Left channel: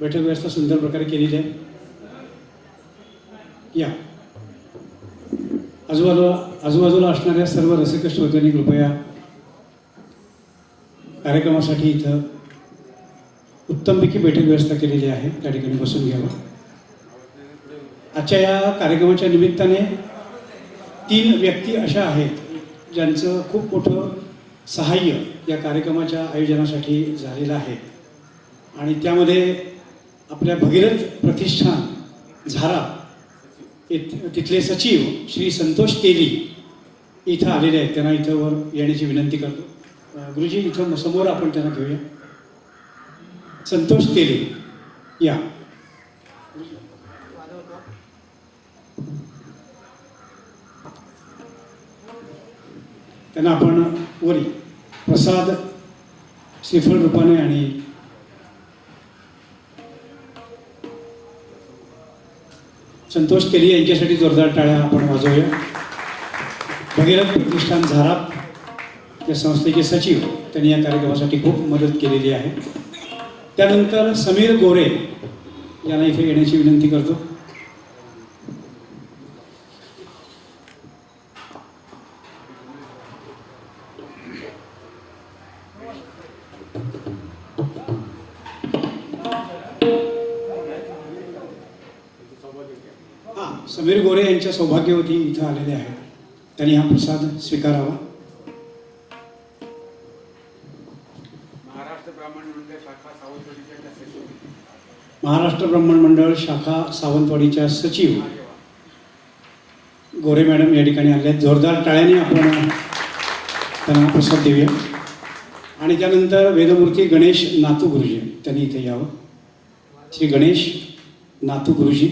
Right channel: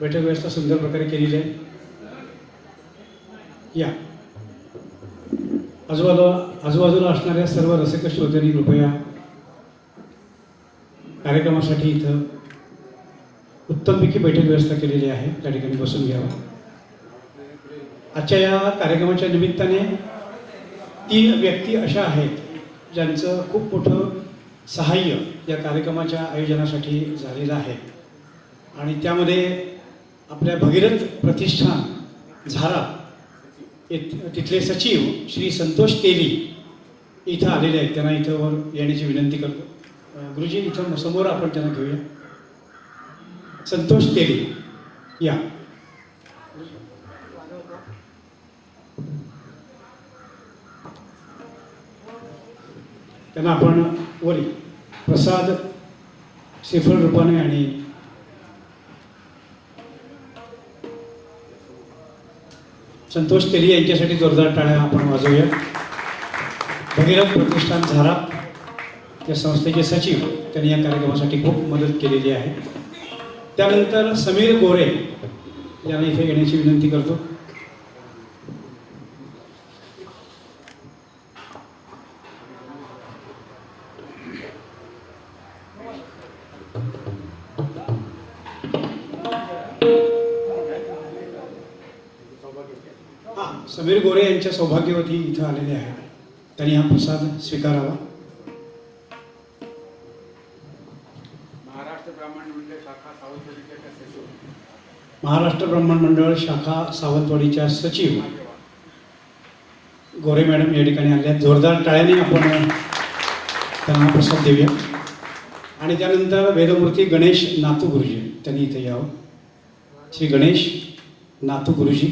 बैठक व्यवस्था सुंदर प्रकारे केलेली आहे. या आजूबाजूला असणाऱ्या सर्व रसिक श्रोत्यांनी कृपया कार्यक्रमासाठी इथं उत्तमपैकी बैठक व्यवस्था केलेली आहे, त्या ठिकाणी बसून घ्यावा. आजच्या या कार्यक्रमाच्या निमित्ताने 3 व्यक्ती अशा आहेत ज्यांचं खूप मोठं सहाय्य या कार्यक्रमाच्या आयोजनासाठी झालेलं आहे. आणि त्यामध्ये आपल्या भगीरथ प्रतिष्ठान झारा तिथले सचिव श्री संतोष तेली इथं आलेले आहेत. त्यांना इथं येण्याची विनंती करतो. गुरुजी इथं समोर आपण त्यांना घेऊया. संतोष तेली या. त्यांना आपण वरी प्रसाद श्रीफळ रूपाने आणि संतोष तेली यांच्यासाठी जोरदार टाळ्या आपण वाजवूया. भगीरथ प्रतिष्ठान झारा त्या संस्थेचे सचिव, त्यांनी या कार्यक्रमासाठी खूप मदत केलेली आहे. त्यानंतर समीर गोरे यांना इथे येण्याची विनंती करतो. समीर गोरे यांच्या सौभाग्यवती इथं आलेले आहेत. त्यांनी हा प्रसाद स्वीकारावा. महाराष्ट्र ब्राह्मण मंडळ शाखा सावंतवाडीच्या सचिव गोरे मॅडम या ठिकाणी आले आहेत. जोरदार टाळ्याने आपण त्यांना प्रसाद देऊया. आणि त्यानंतर वेदमूर्ती गणेश नातू गुरुजी, त्यांनी इथे यावं. श्री गणेश नातू गुरुजी.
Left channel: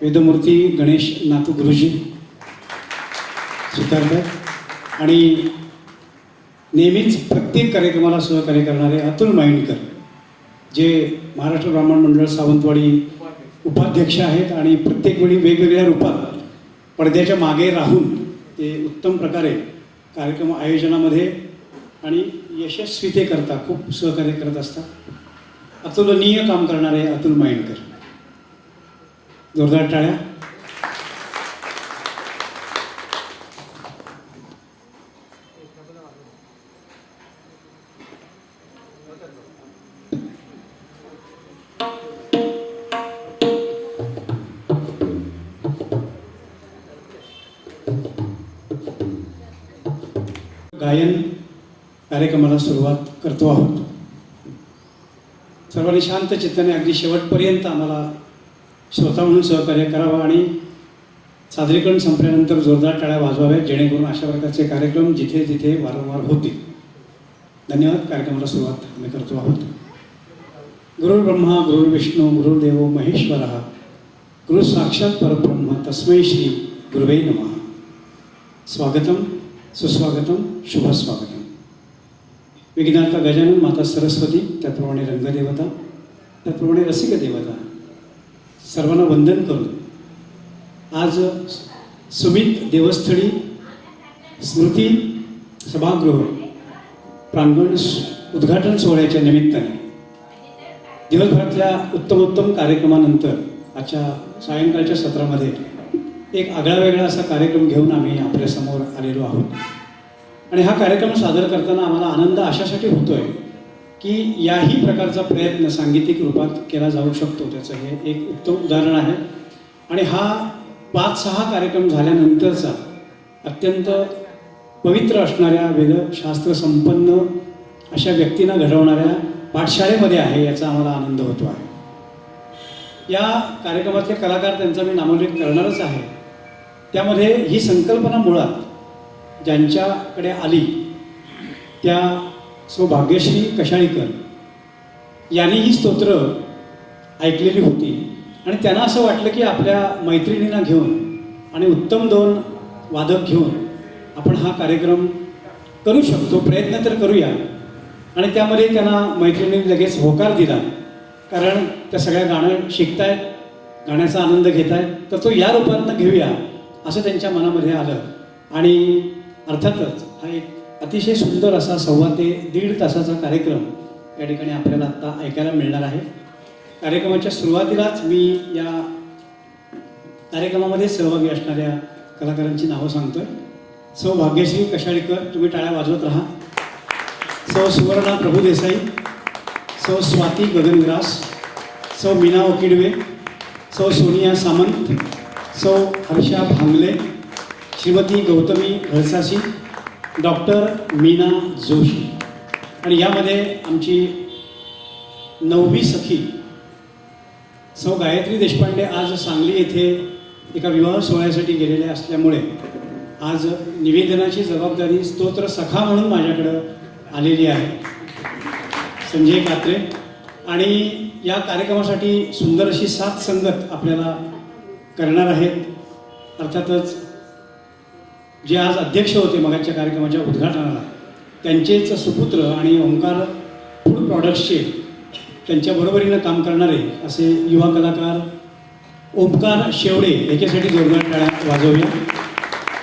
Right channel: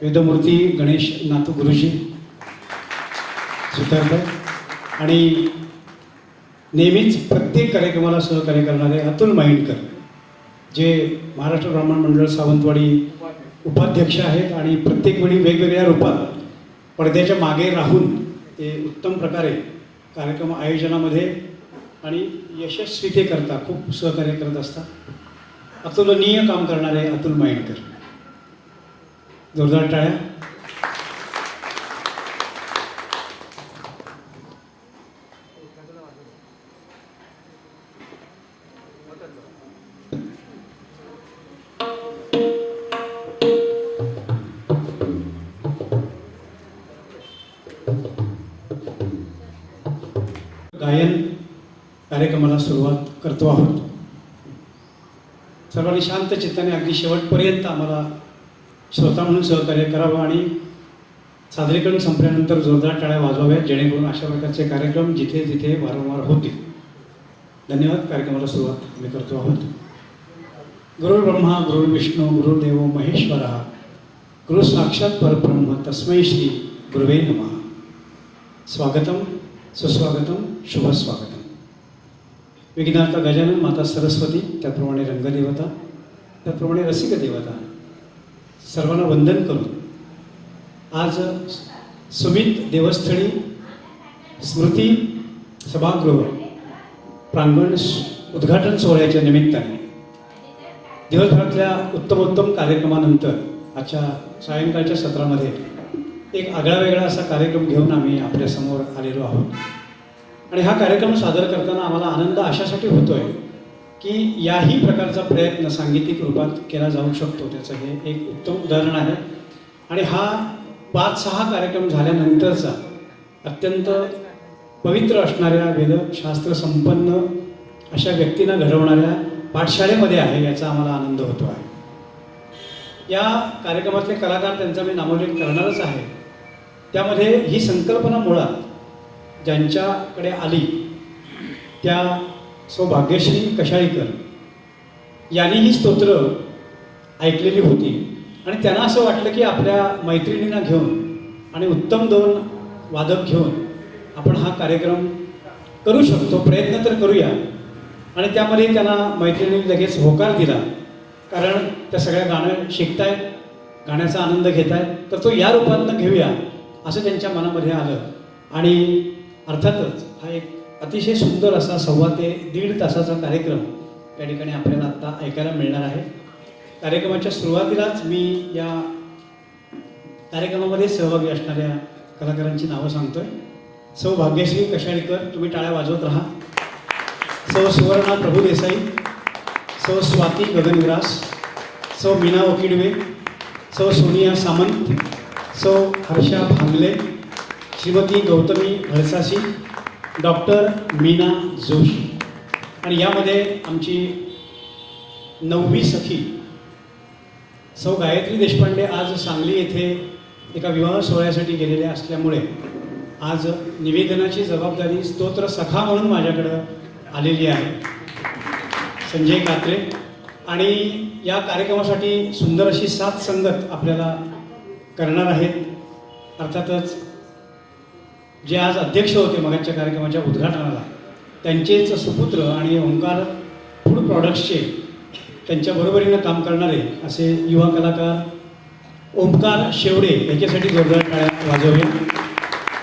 वेदमूर्ती गणेश नातू गुरुजी स्वीकारतात. आणि नेहमीच प्रत्येक कार्यक्रमाला सहकार्य करणारे अतुल माइंडकर, जे महाराष्ट्र ब्राह्मण मंडळ सावंतवाडी उपाध्यक्ष आहेत आणि प्रत्येक वेळी वेगवेगळ्या रूपात पडद्याच्या मागे राहून ते उत्तम प्रकारे कार्यक्रम आयोजनामध्ये आणि यशस्वीतेकरता खूप सहकार्य करत असतात. अतुलनीय काम करणारे अतुल माइंडकर. जोरदार टाळ्या. गायन कार्यक्रमाला सुरुवात करतो आहोत. सर्वांनी शांत चित्ताने अगदी शेवटपर्यंत आम्हाला श्रोता म्हणून सहकार्य करावं आणि सादरीकरण संपल्यानंतर जोरदार टाळ्या वाजवाव्यात, जेणेकरून अशा प्रकारचे कार्यक्रम जिथे जिथे वारंवार होतील. धन्यवाद. कार्यक्रमाला सुरुवात आम्ही करतो आहोत. गुरुर् ब्रह्मा गुरुर्विष्णू गुरुर्देव महेश्वरः गुरु साक्षात परब्रह्म तस्मै श्री गुरुवे नमः. स्वागतम सुस्वागतम शुभस्वागतम. विघ्नार्थ गजानन, माता सरस्वती, त्याप्रमाणे रंगदेवता, त्याप्रमाणे रसिक देवता, सर्वांना वंदन करून आज सुमित देवस्थळी स्मृती सभागृह प्रांगण उद्घाटन सोहळ्याच्या निमित्ताने दिवसभरातल्या उत्तमोत्तम कार्यक्रमानंतर आजच्या सायंकाळच्या सत्रामध्ये एक आगळावेगळा असा कार्यक्रम घेऊन आम्ही आपल्यासमोर आलेलो आहोत. आणि हा कार्यक्रम सादर करताना आम्हाला आनंद अशासाठी होतो आहे की याही प्रकारचा प्रयत्न सांगीतिक रूपात केला जाऊ शकतो. त्याचं हे एक उत्तम उदाहरण आहे. आणि हा 5-6 कार्यक्रम झाल्यानंतरचा अत्यंत पवित्र असणाऱ्या वेदशास्त्र संपन्न अशा व्यक्तींना घडवणाऱ्या पाठशाळेमध्ये आहे, याचा आम्हाला आनंद होतो आहे. या कार्यक्रमातले कलाकार, त्यांचा मी नामोल्लेख करणारच आहे. त्यामध्ये ही संकल्पना मुळात ज्यांच्याकडे आली त्या सौभाग्यश्री कशाळीकर यांनी ही स्तोत्र ऐकलेली होती आणि त्यांना असं वाटलं की आपल्या मैत्रिणींना घेऊन आणि उत्तम 2 वादक घेऊन आपण हा कार्यक्रम करू शकतो, प्रयत्न तर करूया. आणि त्यामध्ये त्यांना मैत्रिणींनी लगेच होकार दिला, कारण त्या सगळ्या गाणं शिकतायत गाण्याचा आनंद घेत आहेत, तर तो या रूपातनं घेऊया असं त्यांच्या मनामध्ये आलं. आणि अर्थातच हा एक अतिशय सुंदर असा 1.25 ते 1.5 तासाचा कार्यक्रम या ठिकाणी आपल्याला आत्ता ऐकायला मिळणार आहे. कार्यक्रमाच्या सुरुवातीलाच मी या कार्यक्रमामध्ये सहभागी असणाऱ्या कलाकारांची नावं सांगतोय. सौ भाग्यश्री कशाळीकर, तुम्ही टाळ्या वाजवत राहा. सौ सुवर्णा प्रभुदेसाई, सौ स्वाती गगनविलास, सौ मीना ओकिडवे, सौ सोनिया सामंत, सौ हर्षा भांगले, श्रीमती गौतमी घळसासी, डॉक्टर मीना जोशी. आणि यामध्ये आमची 9वी सखी सौ गायत्री देशपांडे आज सांगली येथे एका विवाह सोहळ्यासाठी गेलेल्या असल्यामुळे आज निवेदनाची जबाबदारी स्तोत्र सखा म्हणून माझ्याकडं आलेली आहे, संजय कात्रे. आणि या कार्यक्रमासाठी सुंदर अशी साथ संगत आपल्याला करणार आहेत. अर्थातच जे आज अध्यक्ष होते मगाच्या कार्यक्रमाच्या उद्घाटनाला, त्यांचेच सुपुत्र आणि ओंकार फूड प्रॉडक्ट्सचे त्यांच्या बरोबरीनं काम करणारे असे युवा कलाकार ओंकार शेवडे याच्यासाठी जोरदार टाळ्या वाजवूया.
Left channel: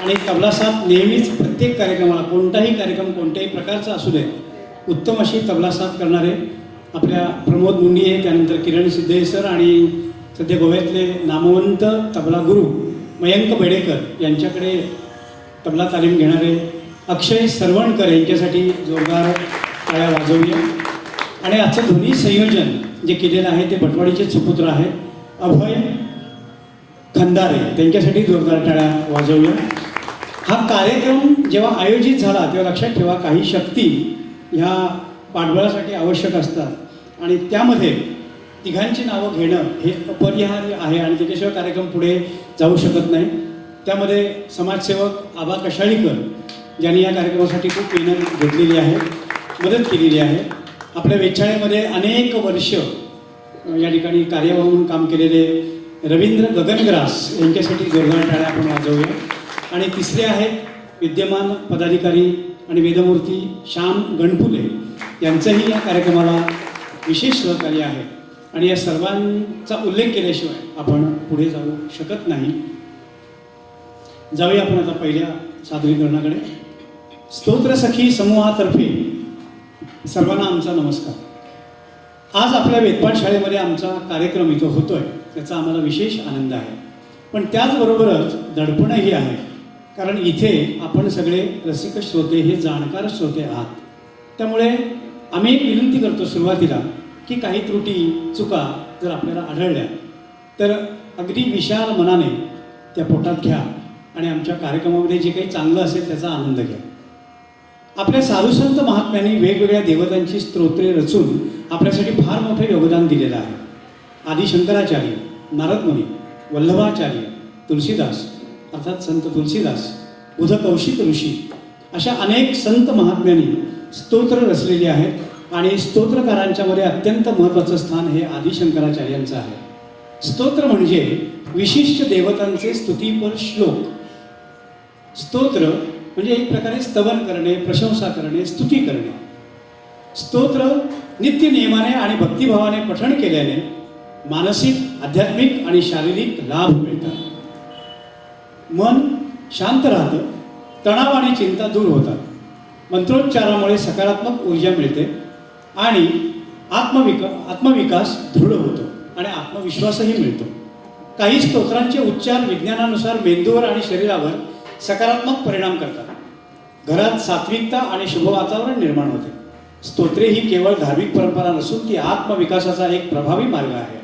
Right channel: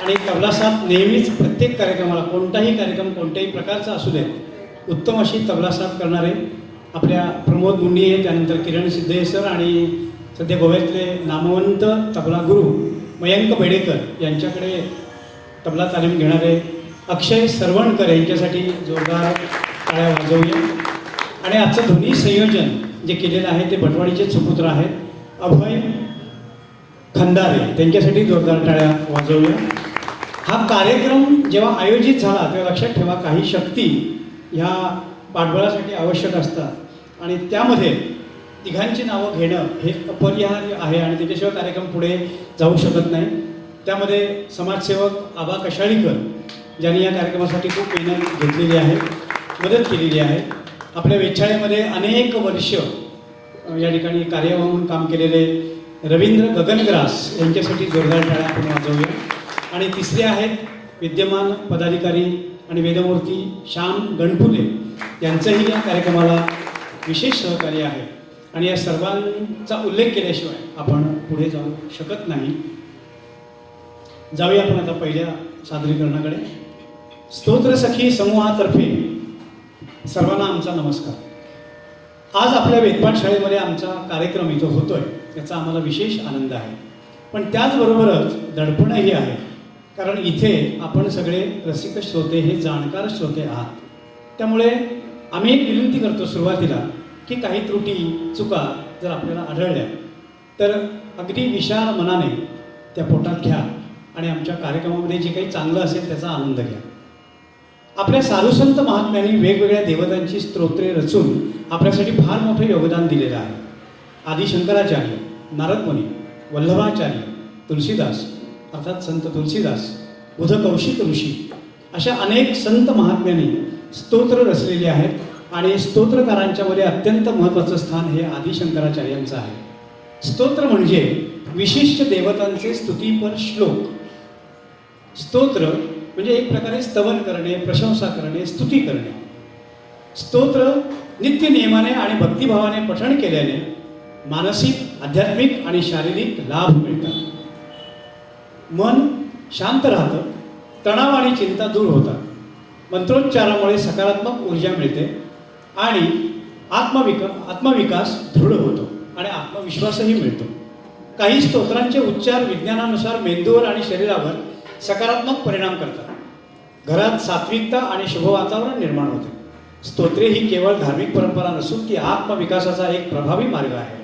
आणि तबला साथ नेहमीच प्रत्येक कार्यक्रमाला, कोणताही कार्यक्रम कोणत्याही प्रकारचा असू दे, उत्तम अशी तबला साथ करणारे आपल्या प्रमोद मुंडिये, त्यानंतर किरण सिद्धे सर आणि सध्या गोव्यातले नामवंत तबला गुरु मयंक बेडेकर यांच्याकडे तबला तालीम घेणारे अक्षय सरवणकर यांच्यासाठी जोरदार टाळ्या वाजवूया. आणि आजचं ध्वनी संयोजन जे केलेलं आहे ते भटवाडीचे सुपुत्र आहेत अभय खंदारे, त्यांच्यासाठी जोरदार टाळ्या वाजवूया. हा कार्यक्रम जेव्हा आयोजित झाला तेव्हा लक्षात ठेवा, काही शक्ती ह्या पाठबळासाठी आवश्यक असतात आणि त्यामध्ये तिघांची नावं घेणं हे अपरिहार्य आहे आणि त्याच्याशिवाय कार्यक्रम पुढे जाऊ शकत नाही. त्यामध्ये समाजसेवक आबा कशाळीकर ज्यांनी या कार्यक्रमासाठी खूप मेहनत घेतलेली आहे, मदत केलेली आहे. आपल्या वेधशाळेमध्ये अनेक वर्ष या ठिकाणी कार्य म्हणून काम केलेले रवींद्र गगनग्रास यांच्यासाठी जोरदार टाळ्या आपण वाजवूया. आणि तिसरे आहेत विद्यमान पदाधिकारी आणि वेदमूर्ती श्याम गणपुले, यांचंही या कार्यक्रमाला विशेष सहकार्य आहे. आणि या सर्वांचा उल्लेख केल्याशिवाय आपण पुढे जाऊ शकत नाही. जाऊया आपण आता पहिल्या सादरीकरणाकडे. स्तोत्रसखी समूहातर्फे सर्वांना आमचा नमस्कार. आज आपल्या वेदपाठ शाळेमध्ये आमचा कार्यक्रम इथं होतोय, त्याचा आम्हाला विशेष आनंद आहे. पण त्याचबरोबरच दडपणही आहे, कारण इथे आपण सगळे रसिक श्रोते, हे जाणकार श्रोते आहात. त्यामुळे आम्ही एक विनंती करतो सुरुवातीला की काही त्रुटी चुका जर आपल्याला आढळल्या तर अगदी विशाल मनाने त्या पोटात घ्या आणि आमच्या कार्यक्रमामध्ये जे काही चांगलं असेल त्याचा आनंद घ्या. आपल्या साधुसंत महात्म्यांनी वेगवेगळ्या देवतांची स्तोत्रे रचून आपल्यासाठी फार मोठं योगदान दिलेलं आहे. आदि शंकराचार्य, नारदमुनी, वल्लभाचार्य, तुलसीदास अर्थात संत तुलसीदास, बुध कौशिक ऋषी अशा अनेक संत महात्म्यांनी स्तोत्र रचलेली आहेत आणि स्तोत्रकारांच्या मध्ये अत्यंत महत्त्वाचं स्थान हे आदि शंकराचार्यांचं आहे. स्तोत्र म्हणजे विशिष्ट देवतांचे स्तुतीपर श्लोक. स्तोत्र म्हणजे एक प्रकारे स्तवन करणे, प्रशंसा करणे, स्तुती करणे. स्तोत्र नित्य नियमाने आणि भक्तिभावाने पठण केल्याने मानसिक, आध्यात्मिक आणि शारीरिक लाभ मिळतात. मन शांत राहतं, तणाव आणि चिंता दूर होतात. मंत्रोच्चारामुळे सकारात्मक ऊर्जा मिळते आणि आत्मविकास दृढ होतो आणि आत्मविश्वासही मिळतो. काही स्तोत्रांचे उच्चार विज्ञानानुसार मेंदूवर आणि शरीरावर सकारात्मक परिणाम करतात. घरात सात्विकता आणि शुभ वातावरण निर्माण होते. स्तोत्रे ही केवळ धार्मिक परंपरा नसून ती आत्मविकासाचा एक प्रभावी मार्ग आहे.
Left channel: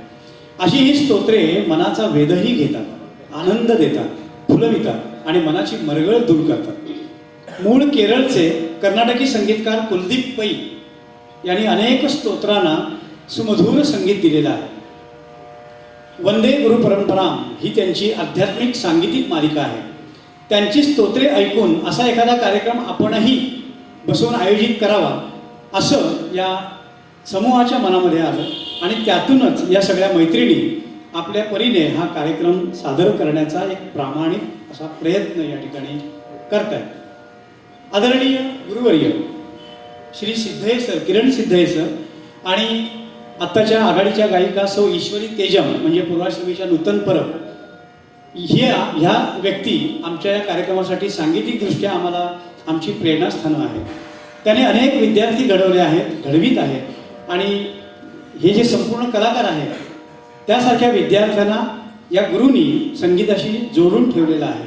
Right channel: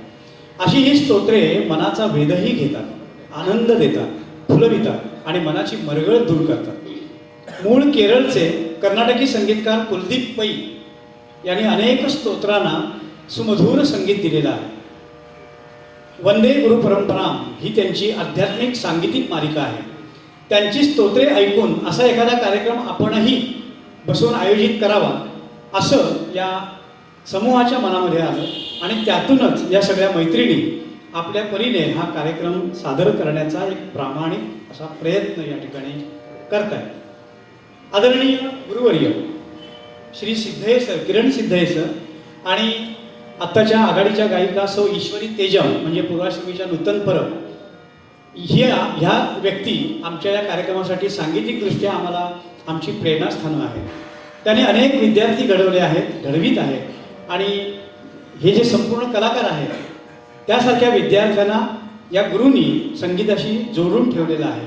अशी ही स्तोत्रे मनाचा वेधही घेतात, आनंद देतात, फुलवितात आणि मनाची मरगळ दूर करतात. मूळ केरळचे कर्नाटकी संगीतकार कुलदीप पै यांनी अनेक स्तोत्रांना सुमधुर संगीत दिलेलं आहे. वंदे गुरु परंपरा ही त्यांची आध्यात्मिक सांगीतिक मालिका आहे. त्यांची स्तोत्रे ऐकून असा एखादा कार्यक्रम आपणही बसून आयोजित करावा असं या समूहाच्या मनामध्ये आलं आणि त्यातूनच या सगळ्या मैत्रिणी आपल्या परीने हा कार्यक्रम सादर करण्याचा एक प्रामाणिक असा प्रयत्न या ठिकाणी करत आहेत. आदरणीय गुरुवर्य श्री सिद्धे सर, किरण सिद्धे सर आणि आत्ताच्या आघाडीच्या गायिका सौ ईश्वरी तेजम म्हणजे पूर्वाश्रमीच्या नूतन परब ह्या व्यक्ती आमच्या या कार्यक्रमासाठी सांगीतिकदृष्ट्या आम्हाला आमची प्रेरणास्थान आहे. त्याने अनेक विद्यार्थी घडवले आहेत, घडवीत आहेत आणि हे जे संपूर्ण कलाकार आहेत त्यासारख्या विद्यार्थ्यांना या गुरूंनी संगीताशी जोडून ठेवलेलं आहे.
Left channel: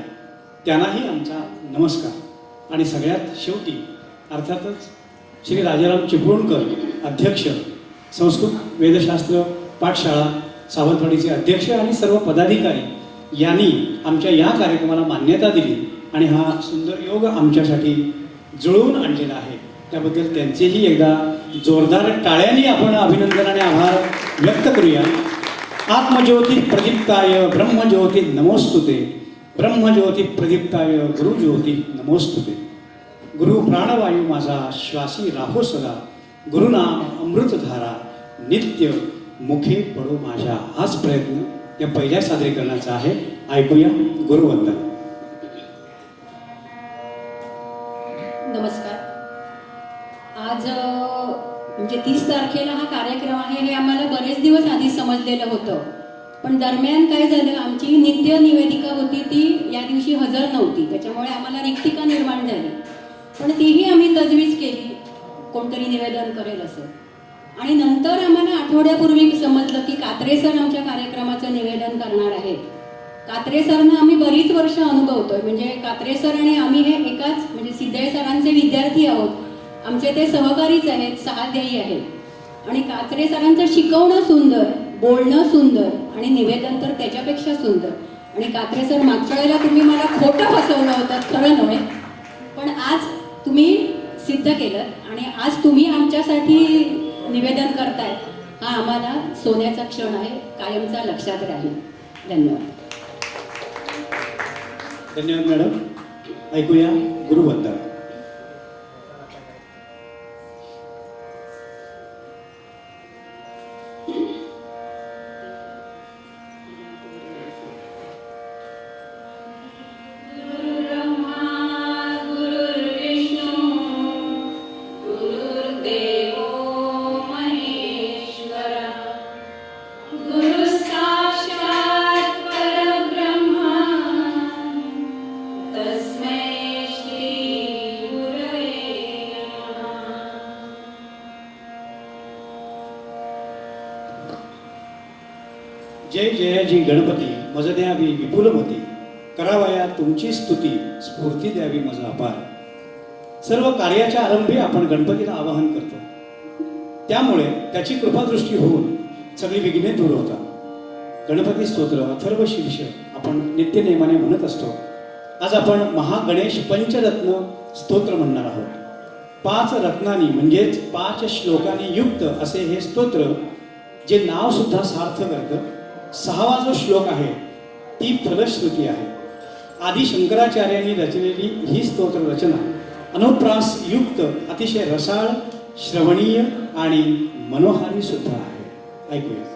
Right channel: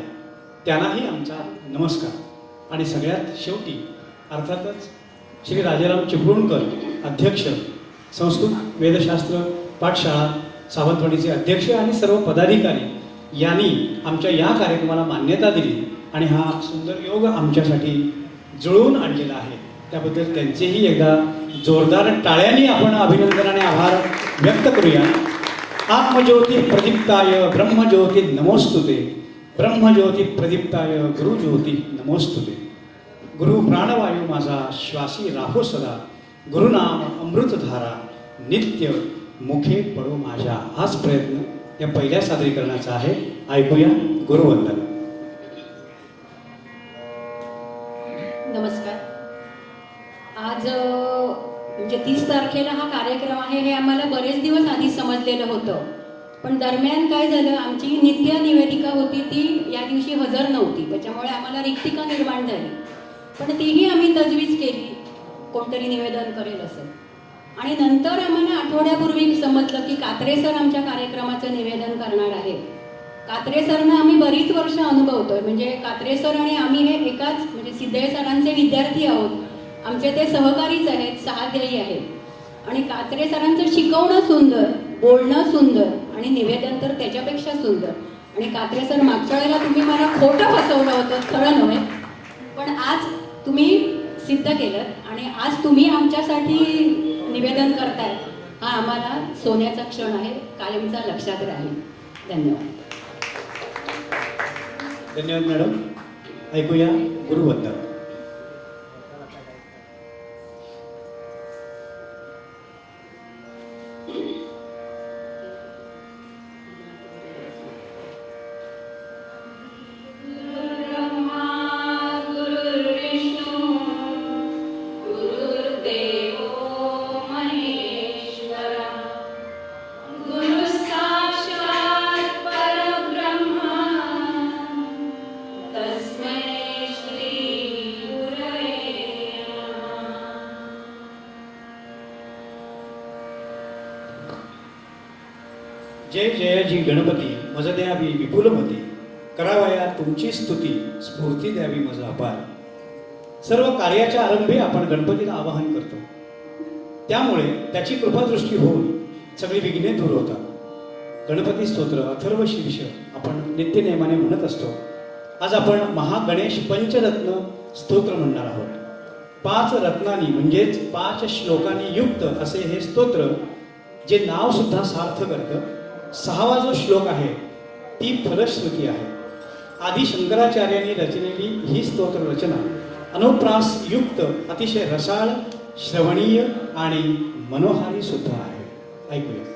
त्यांनाही आमचा नमस्कार. आणि सगळ्यात शेवटी अर्थातच श्री राजाराम चिपळूणकर अध्यक्ष संस्कृत वेदशास्त्र पाठशाळा सावंतवाडीचे अध्यक्ष आणि सर्व पदाधिकारी यांनी आमच्या या कार्यक्रमाला मान्यता दिली आणि हा सुंदर योग आमच्यासाठी जुळवून आणलेला आहे. त्याबद्दल त्यांचेही एकदा जोरदार टाळ्यांनी आपण अभिनंदन आणि आभार व्यक्त करूया. आत्मज्योती प्रदीप्ताय ब्रह्मज्योती नमोस्तुते, ब्रह्मज्योती प्रदीप्ताय गुरुज्योती नमोस्तुते. गुरु प्राणवायू माझा श्वासी राहो सदा, गुरुनाम अमृतधारा नित्य मुखे पडो माझ्या. हाच प्रयत्न त्या पहिल्या सादरीकरणाचा आहे. ऐकूया गुरुवंदन. नमस्कार. आज म्हणजे 30 तारखेला हा कार्यक्रम आहे हे आम्हाला बरेच दिवस आधी समजलेलं होतं, पण दरम्यान काय झालं, आमची नित्य निवेदिका होती ती या दिवशी हजर नव्हती, त्याच्यामुळे आम्हाला रिक्तिका निर्माण झाली. पण तीही आम्ही तजवीज केली कोणतरी निवेदन करेल असं. आणि नंतर आम्हाला आठवड्यापूर्वी समजलं की कात्रे सर आमच्या कार्यक्रमाचं निवेदन करणार आहेत. कात्रे सरना आम्ही बरीच वर्ष अनुभवतोय, म्हणजे कात्रे सर आणि आम्ही हे एकाच म्हणजे सिद्धे सरांचे विद्यार्थी आहोत. आमचे ते सहकारीच आहेत, सहाध्यायी आहेत. आणि कात्रे सरांचं शिकवणं सुंदर, बोलणं सुंदर आणि निवेदन तर त्याच्यापेक्षा सुंदर. आणि कात्रे सर मागच्या वेळेला तुम्ही मला खोटं फसवलं होतं, खरं नव्हे, पण आज तुम्ही सिद्ध केलं आणि आज तुम्ही आमच्यासाठी निवेदन करताय, हा आम्हाला सोन्याचा क्षण आहे, कायमचा लक्षात राहील. धन्यवाद. धन्यवाद मॅडम. ऐकूया गुरुवंदन. जय जयाजी गणपती मज द्यावी विपुलमती, करावया तुमची स्तुती स्फूर्ती द्यावी मज अपार. सर्व कार्याच्या आरंभी आपण गणपतीला आवाहन करतो, त्यामुळे त्याची कृपादृष्टी होऊन सगळी विघ्ने दूर होतात. गणपती स्तोत्र अथर्व शीर्ष आपण नित्यनेमाने म्हणत असतो. आज आपण महागणेश पंचरत्न स्तोत्र म्हणणार आहोत. 5 रत्नांनी म्हणजेच 5 श्लोकांनी युक्त असे हे स्तोत्र, जे नाव सुद्धा सार्थ करतं. 6वा जो श्लोक आहे ती फलश्रुती आहे. आदि शंकराचार्यांनी रचलेली ही स्तोत्र रचना अनुप्रास युक्त, अतिशय रसाळ, श्रवणीय आणि मनोहारी सुद्धा आहे. ऐकूया.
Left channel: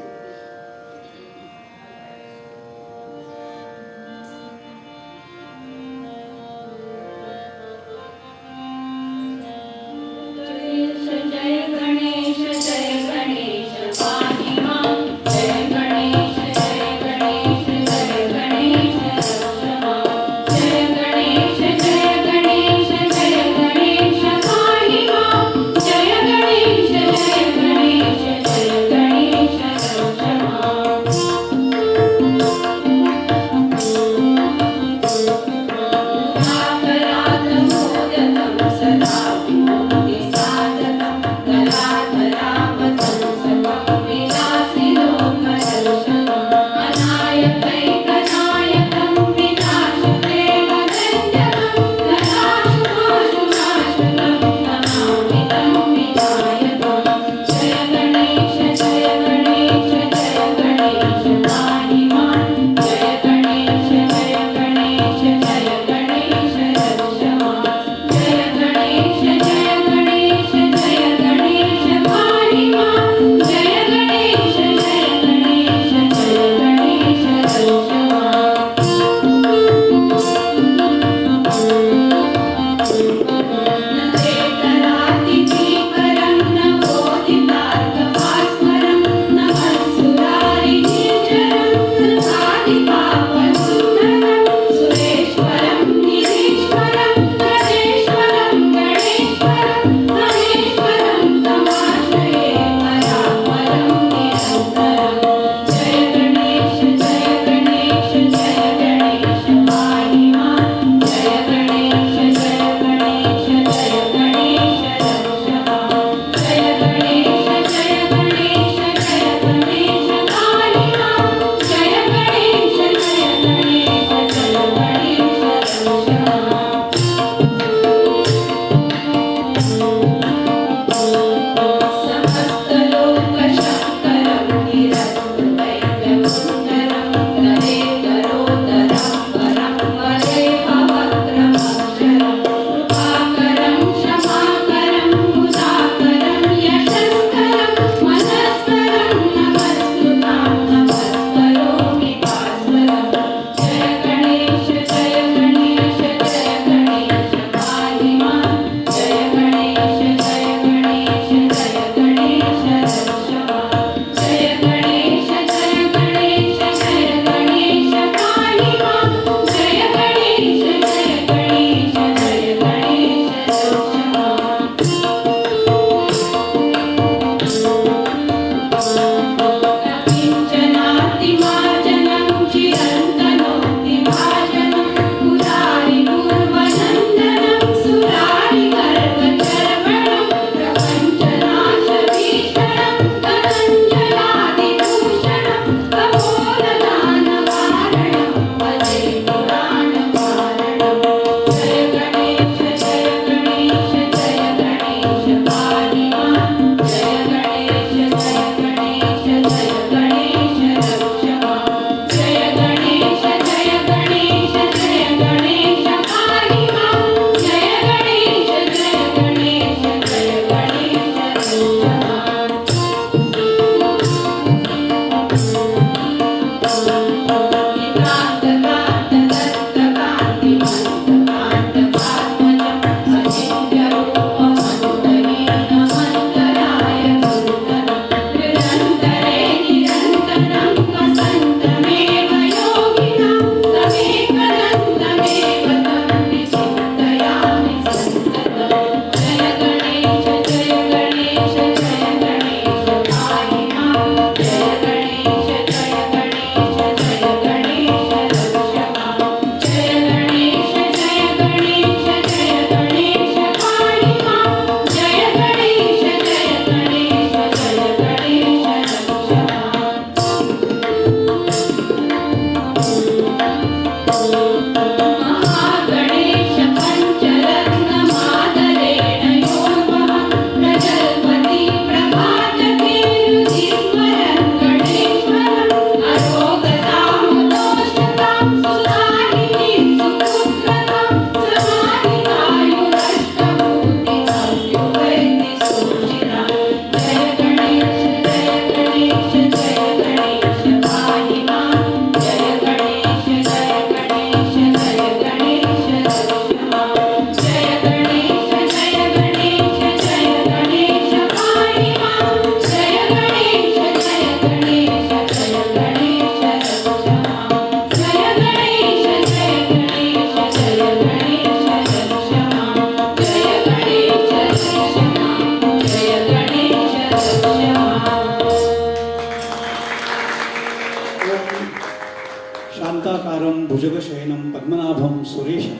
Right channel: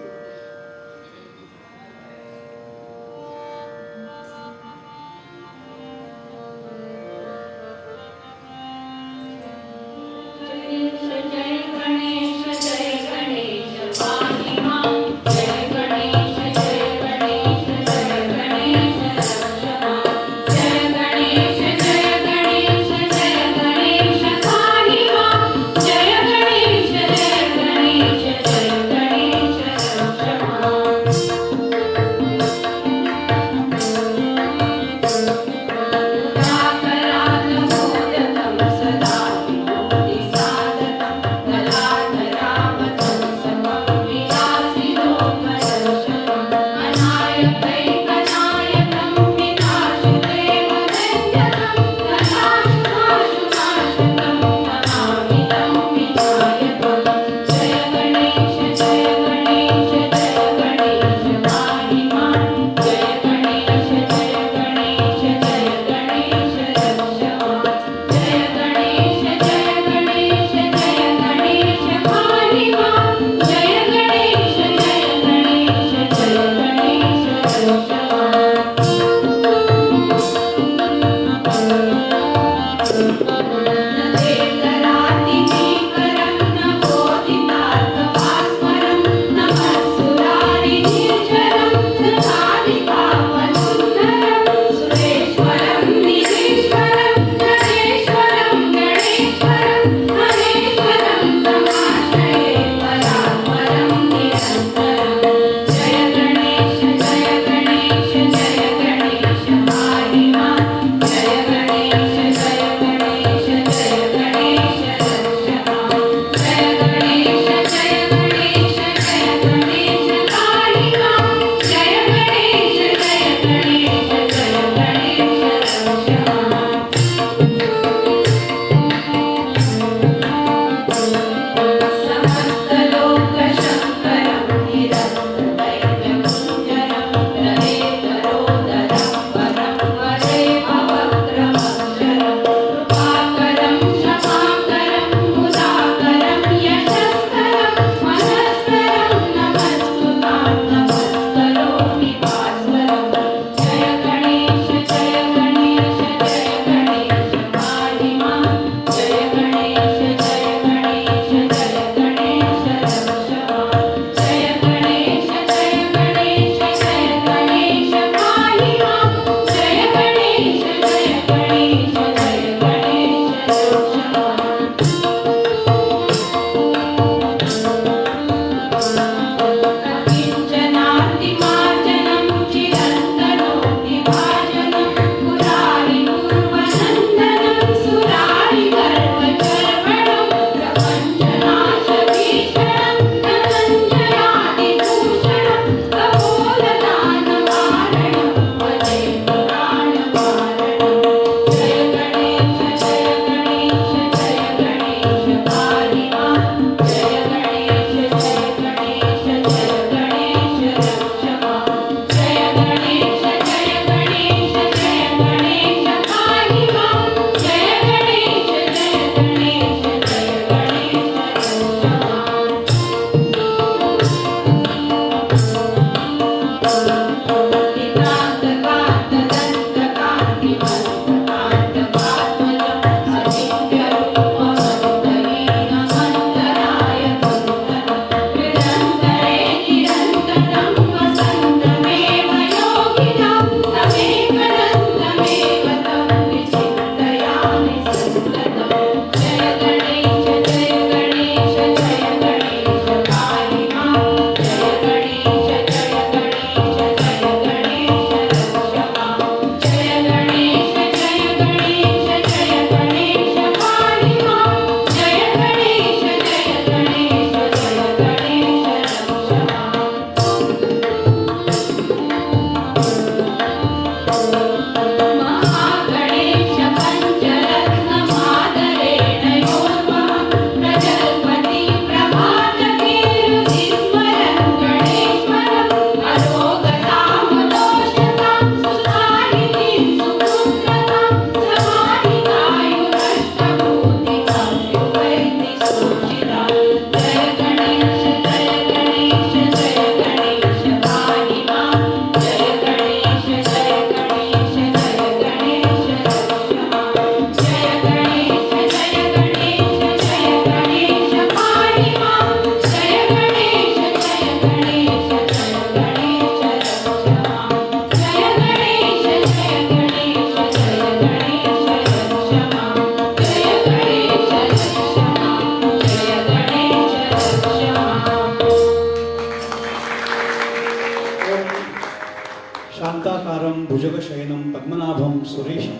शांताकारं भुजगशयनं पद्मनाभं सुरेशं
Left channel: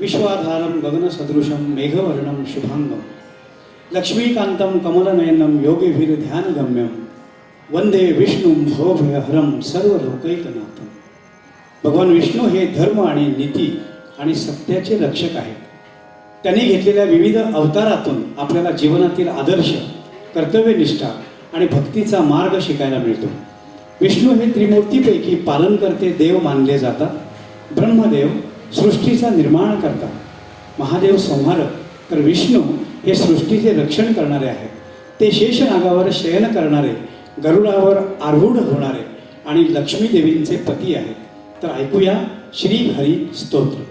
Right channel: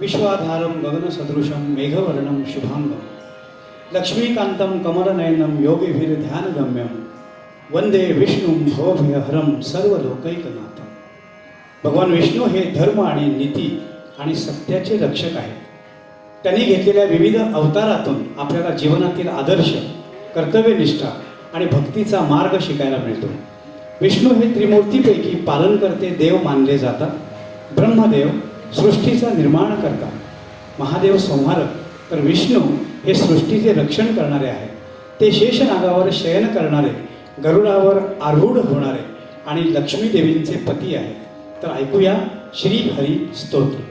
विश्वाधारं गगनसदृशं मेघवर्णं शुभांगं लक्ष्मीकान्तं कमलनयनं योगिभिर्ध्यानगम्यं वंदे विष्णुं भवभयहरं सर्वलोकैकनाथं. भगवान विष्णू हे धर्म आणि नीती आणि सत्याचे रक्षक आहेत. त्यांनी घेतलेल्या विविध अवतारातून आपल्याला जीवनातील आदर्श, कर्तव्यनिष्ठा आणि भक्तीचा मार्ग शिकायला मिळतो. विष्णू हे त्रिमूर्तीपैकी पालनकर्ते देव मानले जातात. ब्रह्मदेव सृष्टीचा निर्माण करतात, महादेव संहारक, तर विष्णू हे सृष्टीचे रक्षण करणारे आहेत. ते शेषनागावर शयन करणारे, गरुडावर आरूढ होणारे आणि लक्ष्मी देवींचे पती आहेत. तर ऐकूया श्री हरी स्तोत्र.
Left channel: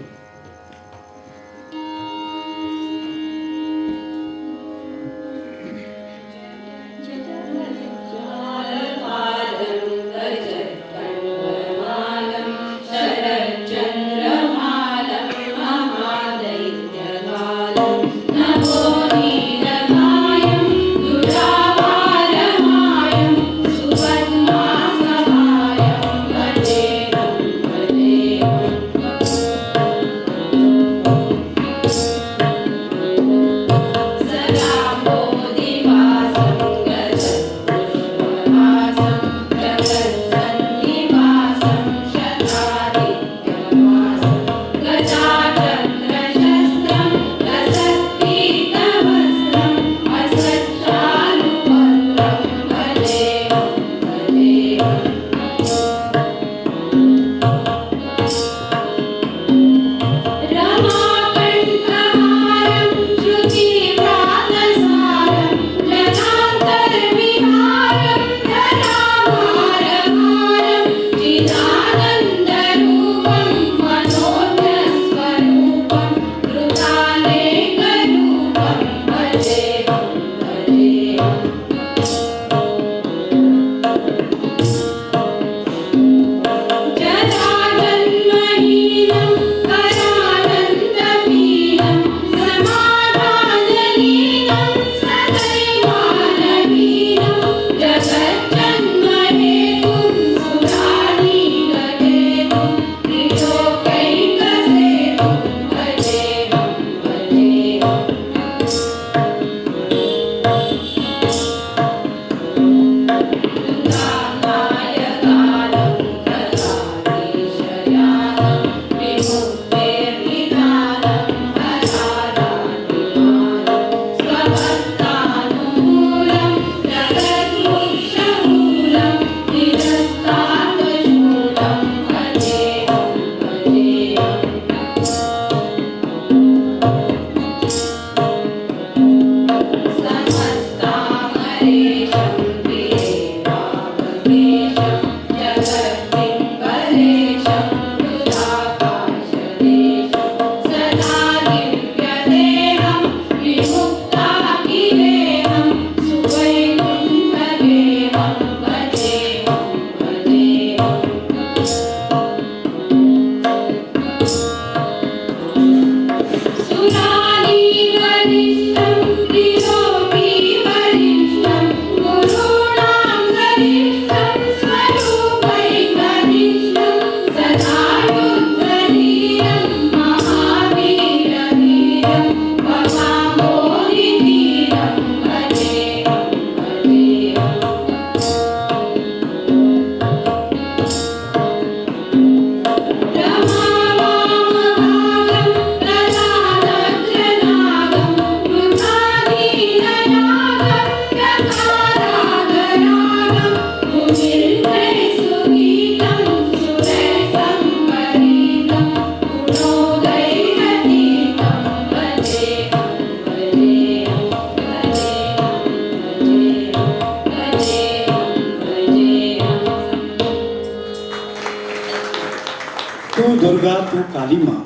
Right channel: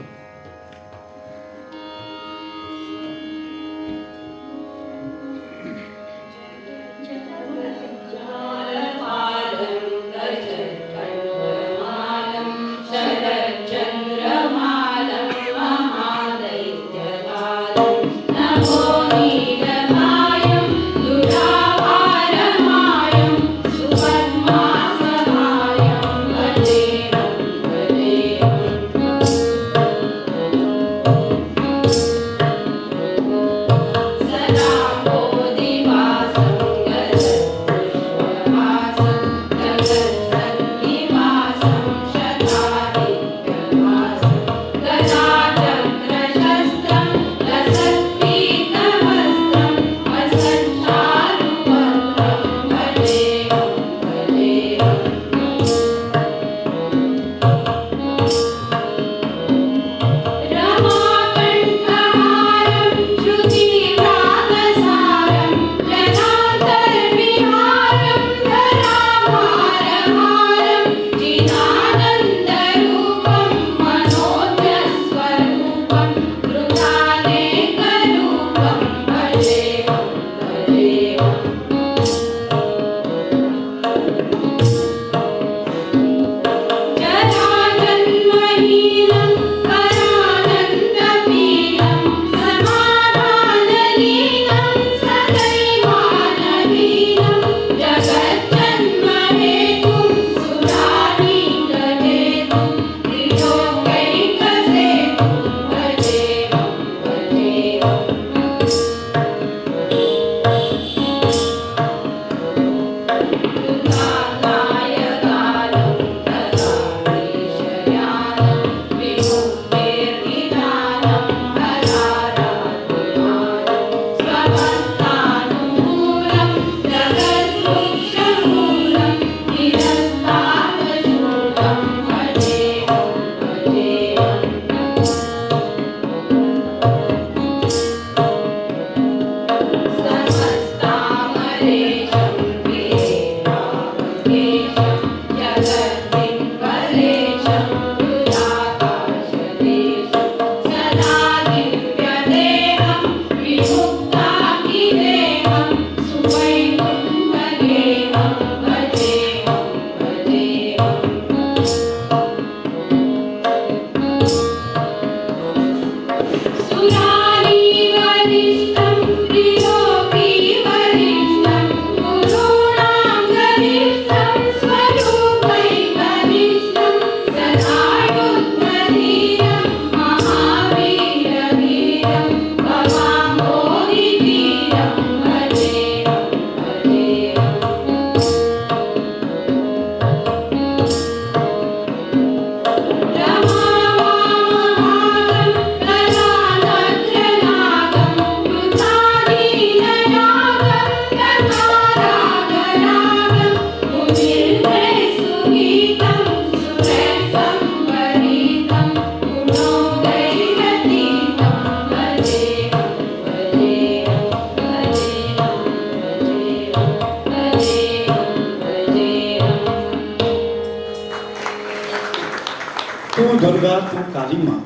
तू दुर्गा तू कालिमा,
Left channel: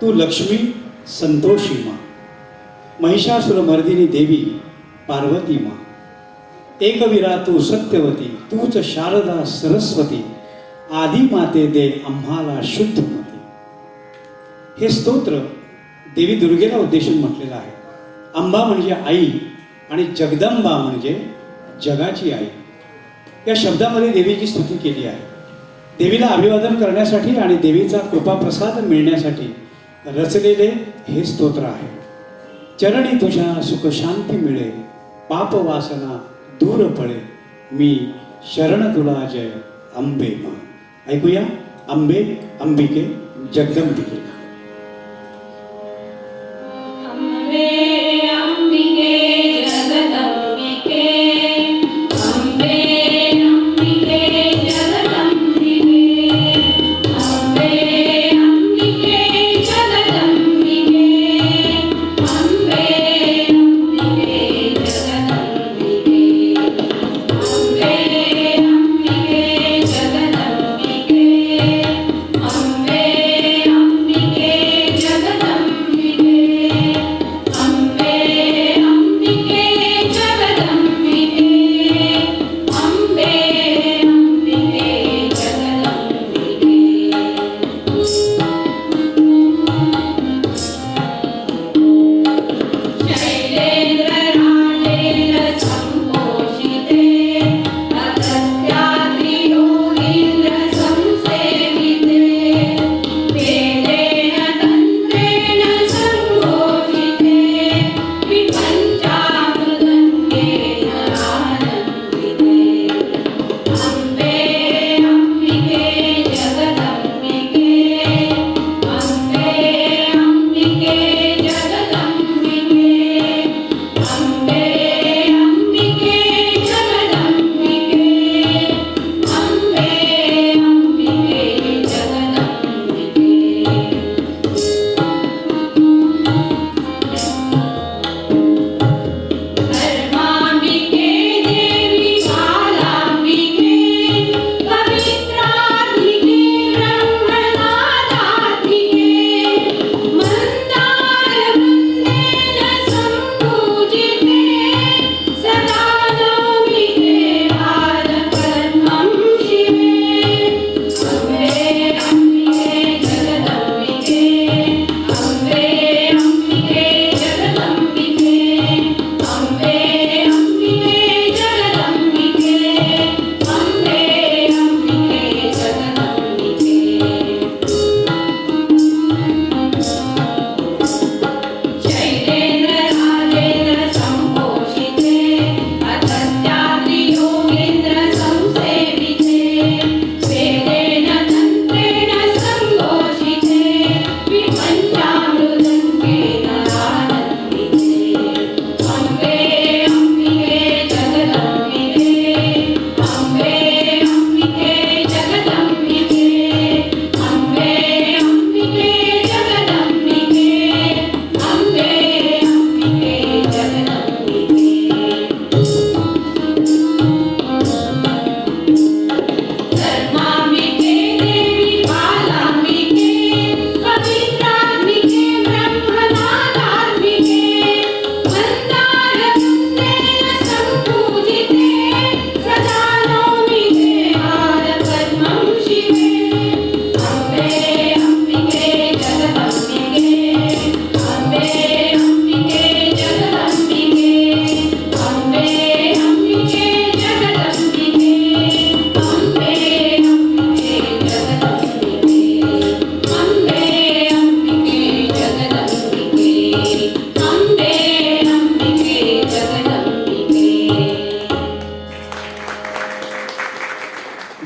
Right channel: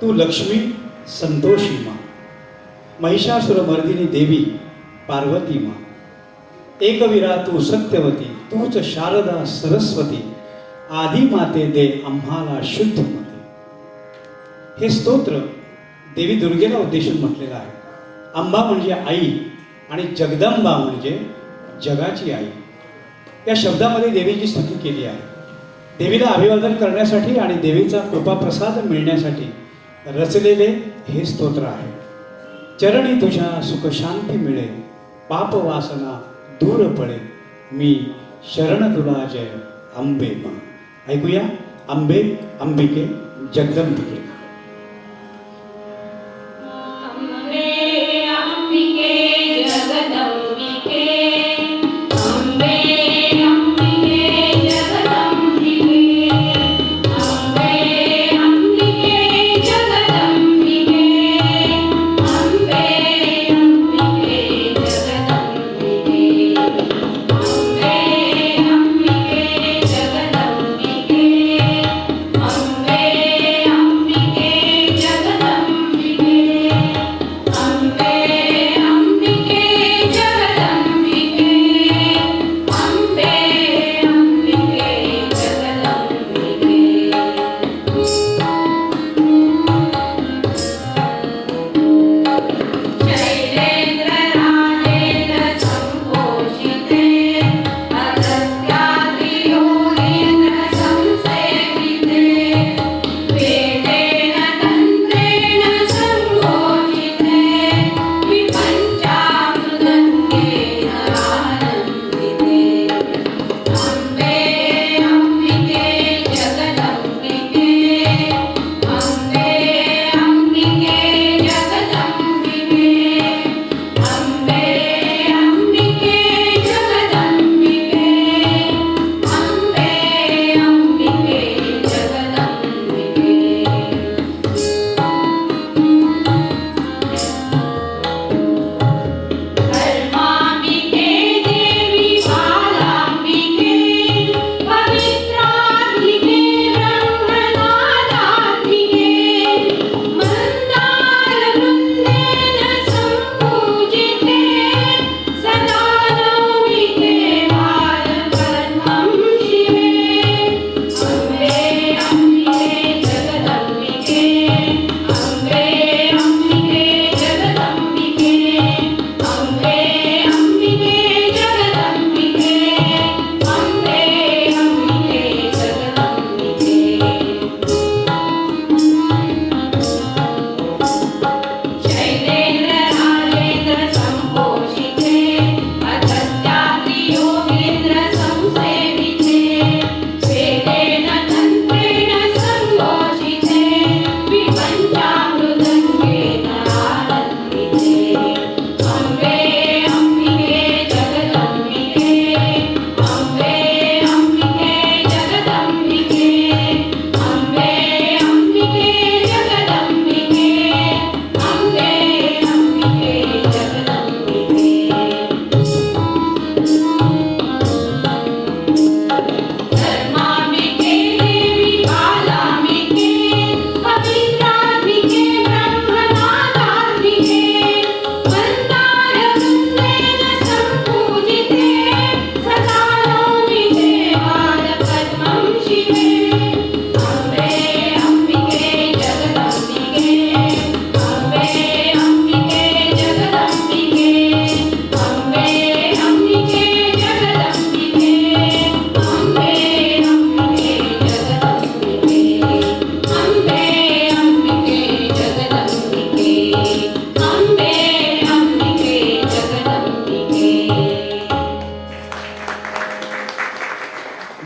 तू लक्ष्मी संतोषी मा, महिषासुरमर्दिनी देवी पार्वती मा, एकवीरा तू सत्यवती, तूच शारदा सरस्वती, आदी माते दे आम्हाला शुद्ध मते. हे स्तोत्र देवी दुर्गेला उद्देशून म्हटलेलं आहे. अंबा म्हणजे आई आणि जगदंबा म्हणजे जगाची आई. या शब्दामध्ये देवीची स्तुती केली आहे. देवीला अभिवादन करण्यासाठी आणि देवीचा कृपाप्रसाद मिळण्यासाठी रचलेले हे स्तोत्र आहे. चरणी तुझ्या सुख शांती मिळे, पाप वासना दूर पळे, मी शरण तुला जय अंबे मा. ऐकूया अंबे अंबिके जगदंबिके.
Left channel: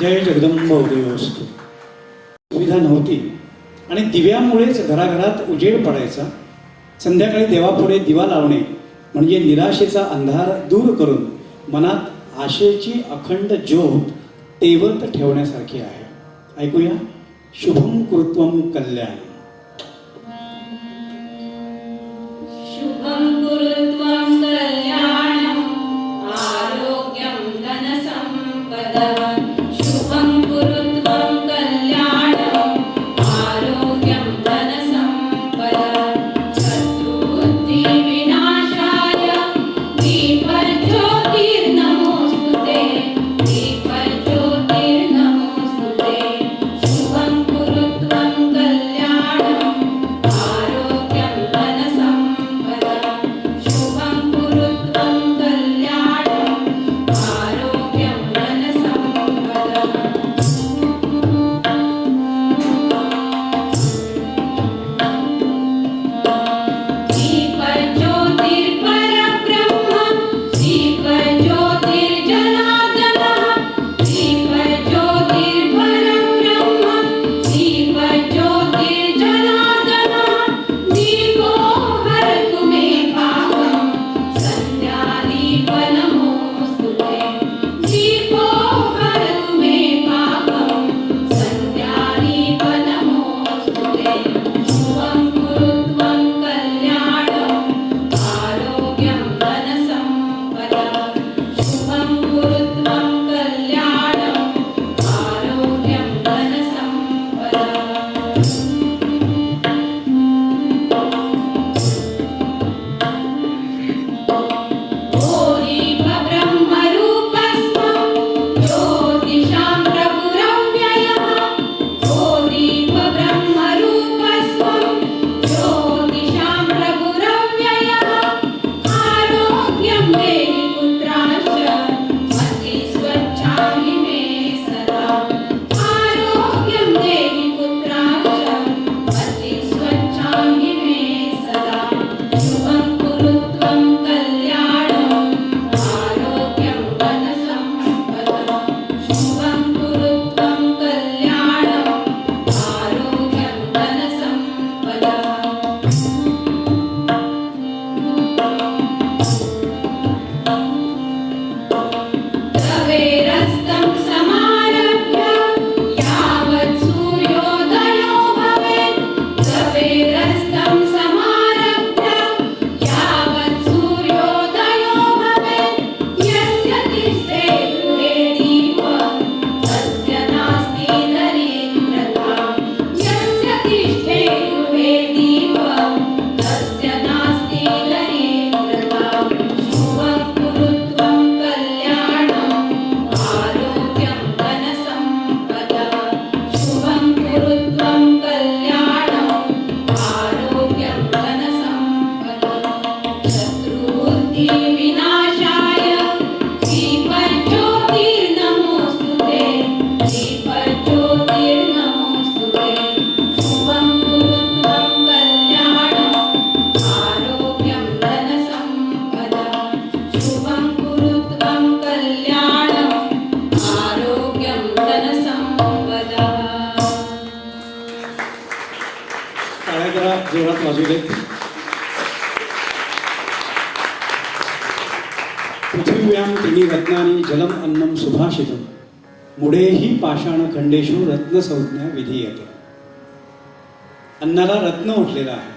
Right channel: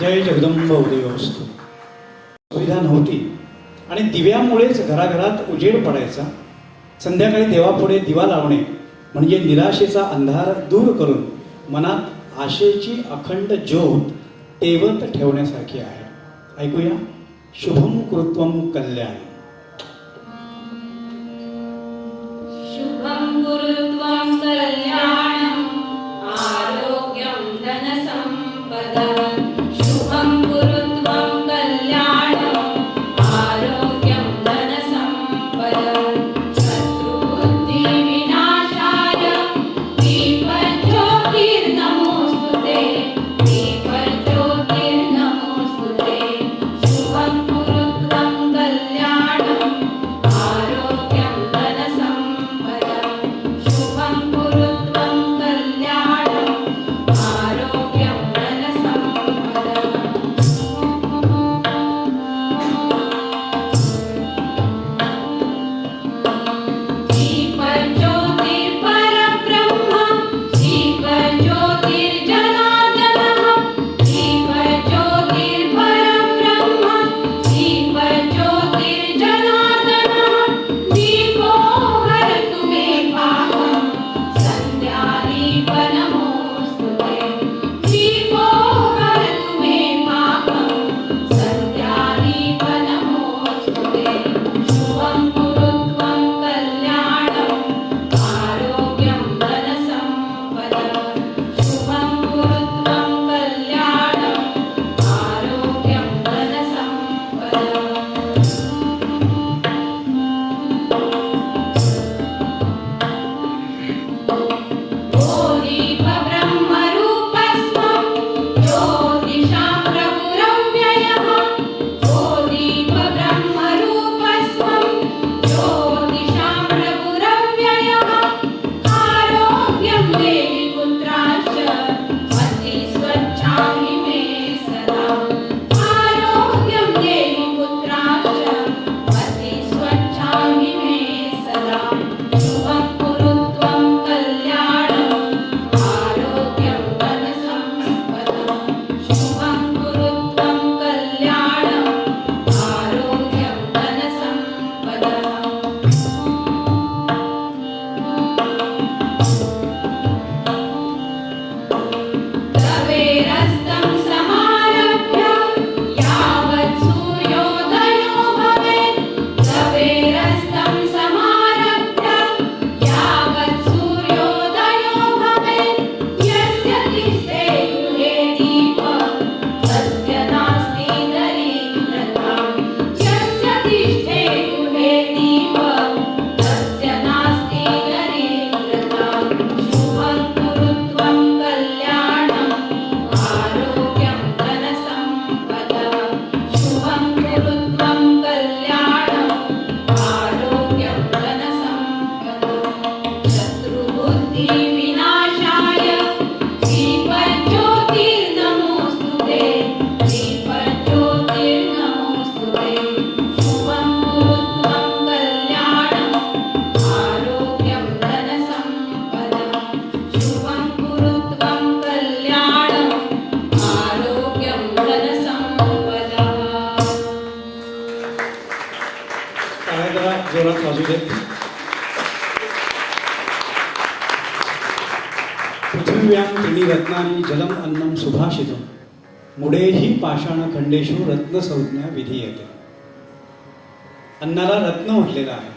जय जगदंब उदयोस्तु. सुविधा नव्हती आणि दिव्यामुळेच घराघरात उजेड पडायचा. संध्याकाळी देवापुढे दिवा लावणे म्हणजे निराशेचा अंधार दूर करून मनात आशेची अखंड ज्योत तेवत ठेवण्यासारखी आहे. ऐकूया शुभम कृत्वम कल्याण. शुभं कुरुत्वं कल्याणं आरोग्यं धनसम्पदं. शुभं कुरुत्वं कल्याणं टाळ्या जरा जोरात वाजू देत. पृथिव्यां त्रिणी रत्नानि जलम अन्नम सुभाषितम मुडेही पाषाण खंडेषु रत्नसंज्ञा विधीयते. अन्नाला रत्न म्हटलेलं आहे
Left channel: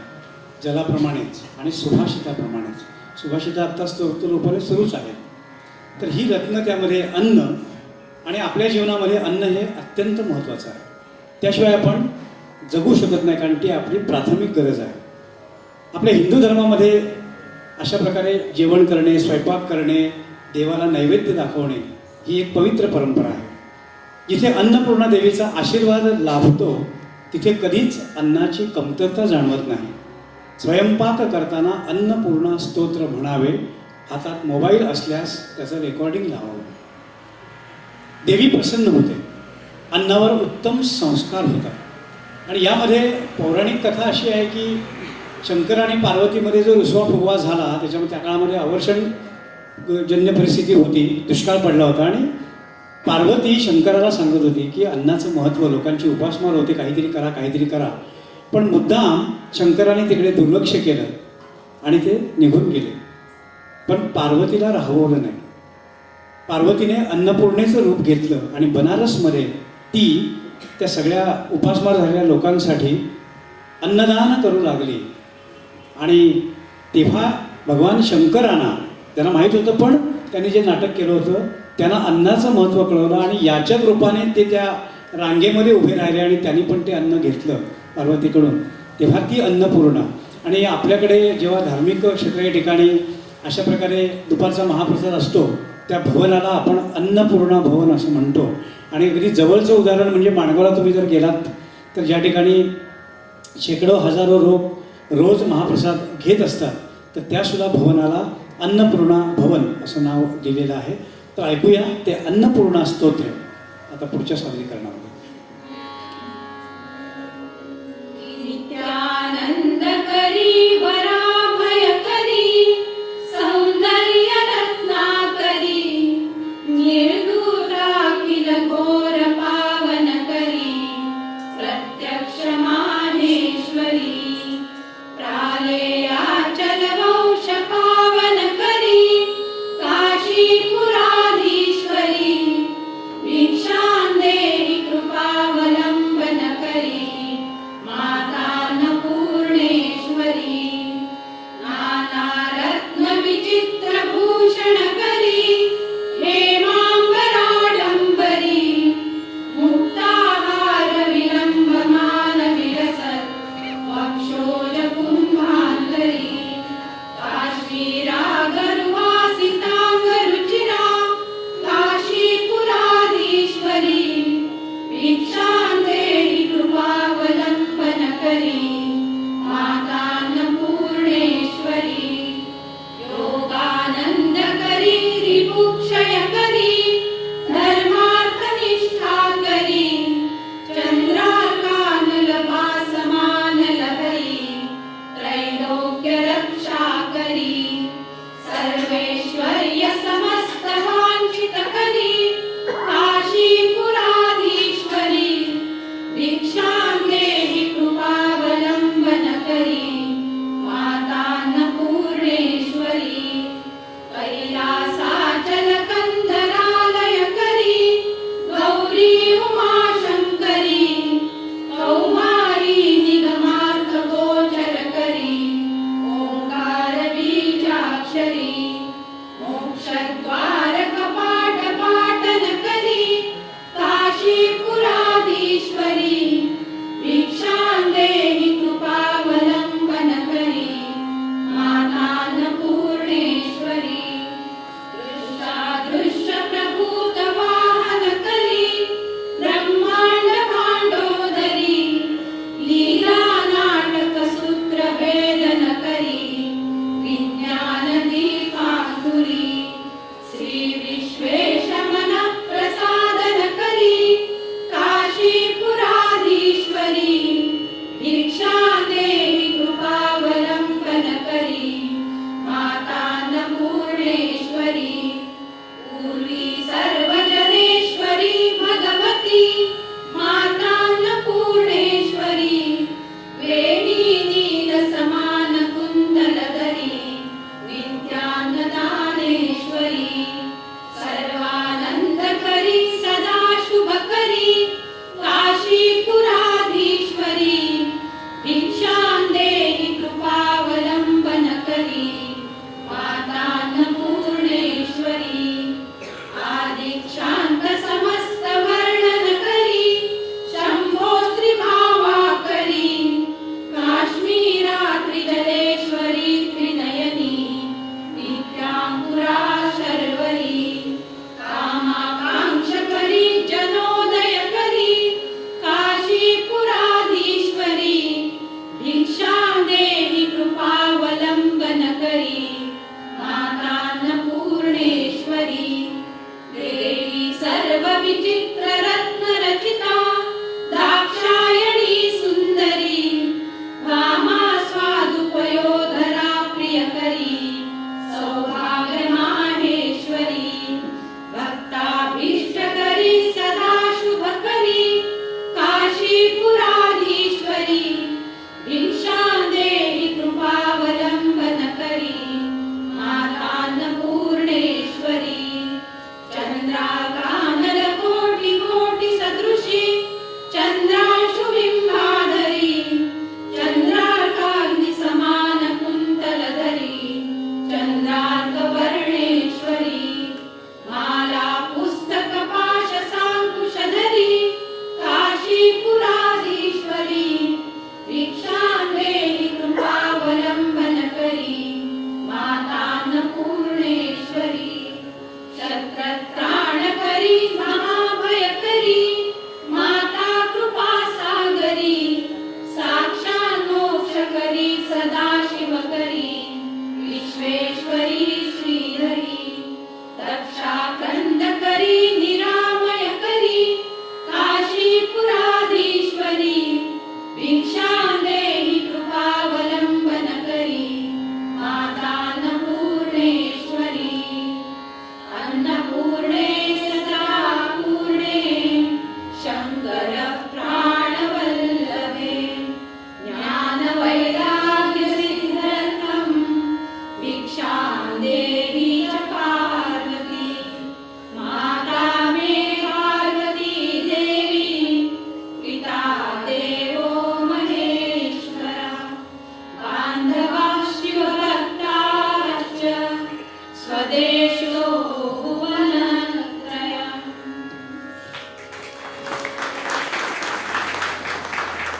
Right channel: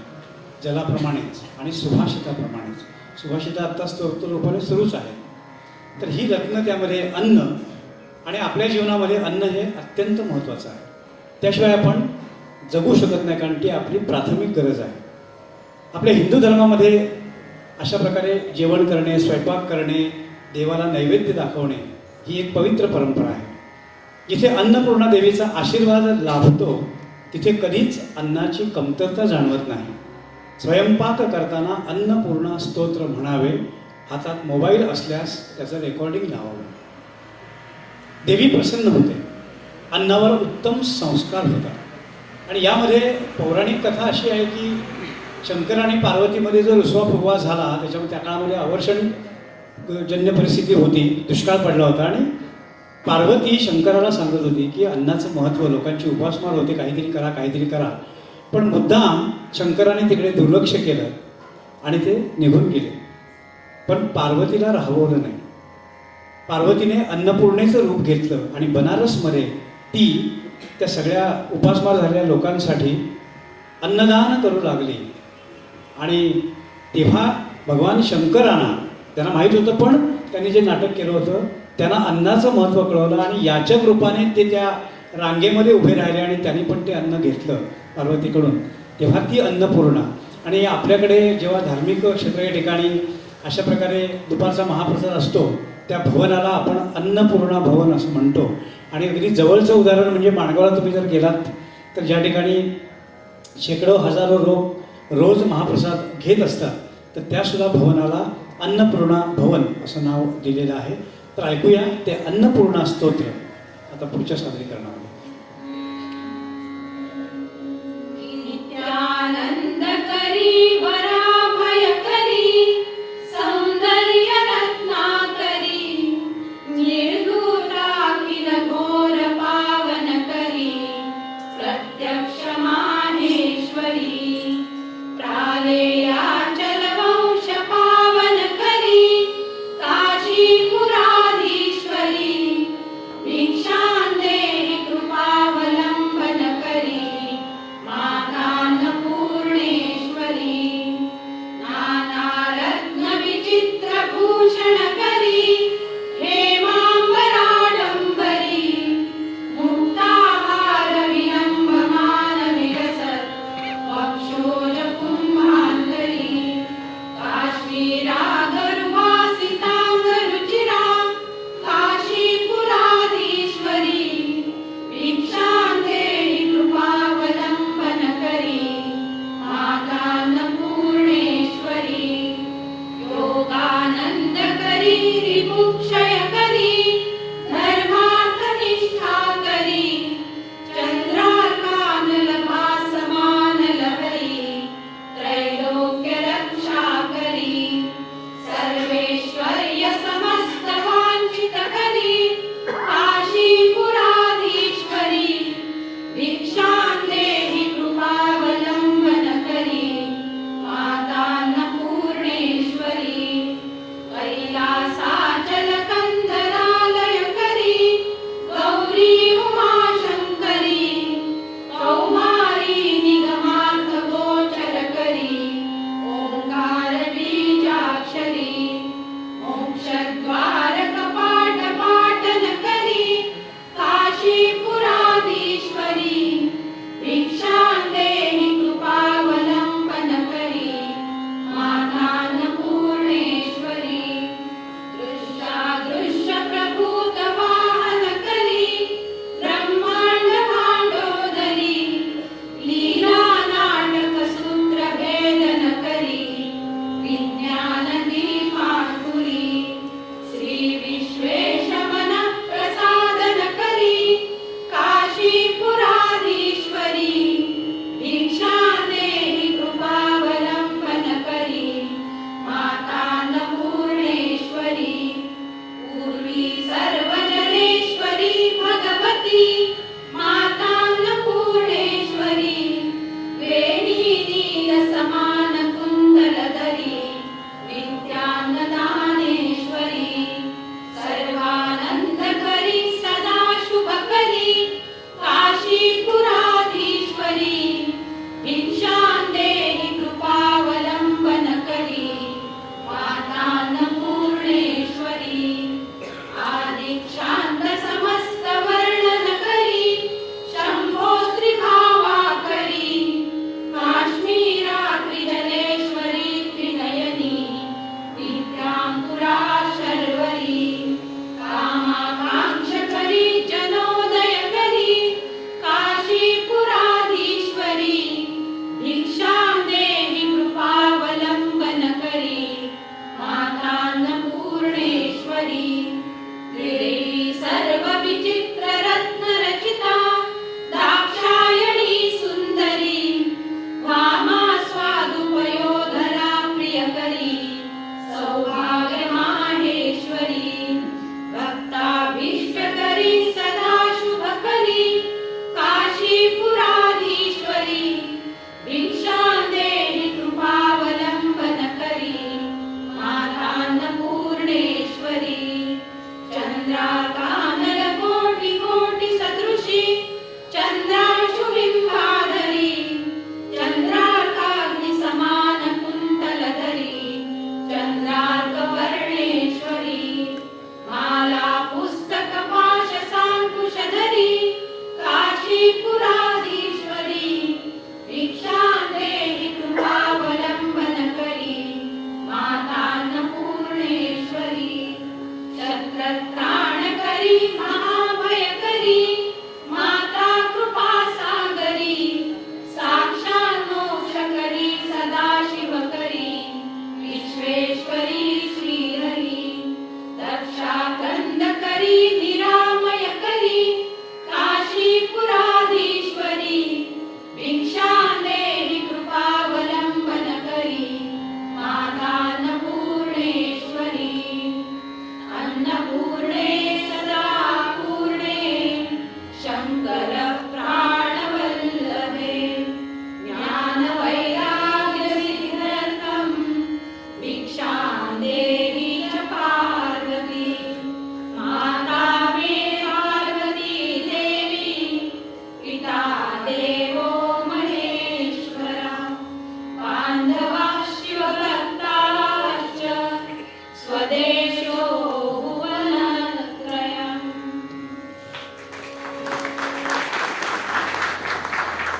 जलाप्रमाणेच आणि सुभाषिताप्रमाणेच. सुभाषिता आत्ता स्तोत्ररूपाने सुरूच आहेत. तर ही रत्न त्यामध्ये अन्न, आणि आपल्या जीवनामध्ये अन्न हे अत्यंत महत्त्वाचं आहे. त्याशिवाय आपण जगू शकत नाही, कारण ती आपली प्राथमिक गरज आहे. आपल्या हिंदू धर्मामध्ये अशा प्रकारे जेवण करणे, स्वयंपाक करणे, देवाला नैवेद्य दाखवणे ही एक पवित्र परंपरा आहे. जिथे अन्नपूर्णा देवीचा आशीर्वाद लाभतो तिथे कधीच अन्नाची कमतरता जाणवत नाही. स्वयंपाक करताना अन्नपूर्णा स्तोत्र म्हणावे. हातात मोबाईल असल्यास त्याचं रेकॉर्डिंग लावावं. देवी प्रसन्न होते. अन्नावर उत्तम संस्कार होतात. आणि यामध्ये पौराणिक कथा अशी आहे की शंकर आणि पार्वतीमध्ये जो रुसवा फुगवा झाला त्याच्यामध्ये त्या काळामध्ये अवर्षणजन्य परिस्थिती होती, दुष्काळ पडला होता. आणि पार्वती शंकराला सांगत होती की अन्नाचं महत्त्व, लोकांची उपासमार होते, काहीतरी करा काहीतरी करा. पण मुद्दाम शंकराने तिकडे दुर्लक्ष केलं आणि ते निघून गेले. पण पार्वतीला राहवलं नाही. पार्वतीने अन्नपूर्णेचं रूप घेतलं आणि बनारसमध्ये ती त्या सगळ्या उपासमार झालेल्या लोकांसाठी अन्नदान करू लागली. आणि तेव्हा भगवान शंकरांना त्यांना माहीत होतं, पण त्यांनी जे नाटक केलं होतं त्यांना अन्नाचं महत्त्व कळवलं आणि याचक रूपाने ते त्या रांगेमध्ये उभे राहिले आणि त्यांनी पण ते अन्न घेतलं पार्वतीकडून. तेव्हा ती अन्नपूर्णा. आणि आपल्याकडे जेव्हा धार्मिक क्षेत्र या ठिकाणी अशा प्रकारे दुपारचा महाप्रसाद असतो त्या भवनाला आपण अन्नपूर्णा भवन असं म्हणतो. आणि अगदी जवळचं उदाहरण म्हणजे माणगावला तुम्ही जर गेलात तर ज्या ठिकाणी शेकडो हजारो रोज महाप्रसाद घेत असतात, तर त्यासुद्धा भवनाला अन्नपूर्णा भवन असं नाव दिलेलं आहे. तर ऐकूया ते अन्नपूर्णा स्तोत्र आता पुढच्या सादरीकरणामध्ये. नित्यानंद करी वराभय करी सौंदर्य रत्ना करी निर्दूराखिल घोर पावन करी प्रत्यक्ष माहेश्वरी प्रालेयाचल वंश पावन करी काशीपुराधीश्वरी भिक्षां देहि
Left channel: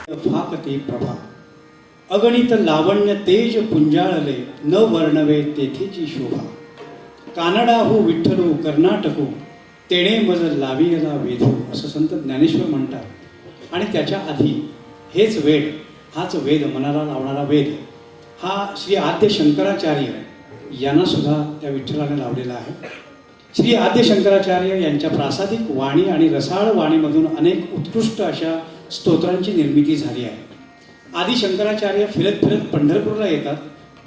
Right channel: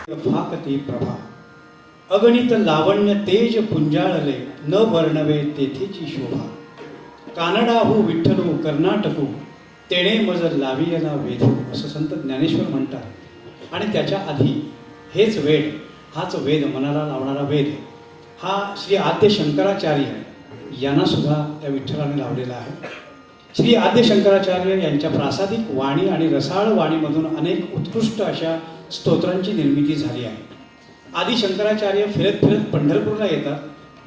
भाकती प्रभा अगणित लावण्य तेज पुंजाळले न वर्णवे तेथेची शोभा कानडाहू विठ्ठलो कर्नाटको तेणे मज लावियला वेधो असं संत ज्ञानेश्वर म्हणतात. आणि त्याच्या आधी हेच वेद, हाच वेद मनाला लावणारा वेद हा श्री आद्य शंकराचार्य यांना सुद्धा त्या विठ्ठलाने लावलेला आहे. श्री आद्य शंकराचार्य यांच्या प्रासादिक वाणी आणि रसाळ वाणीमधून अनेक उत्कृष्ट अशा स्तोत्रांची निर्मिती झाली आहे. आदि शंकराचार्य फिरत फिरत पंढरपूरला येतात,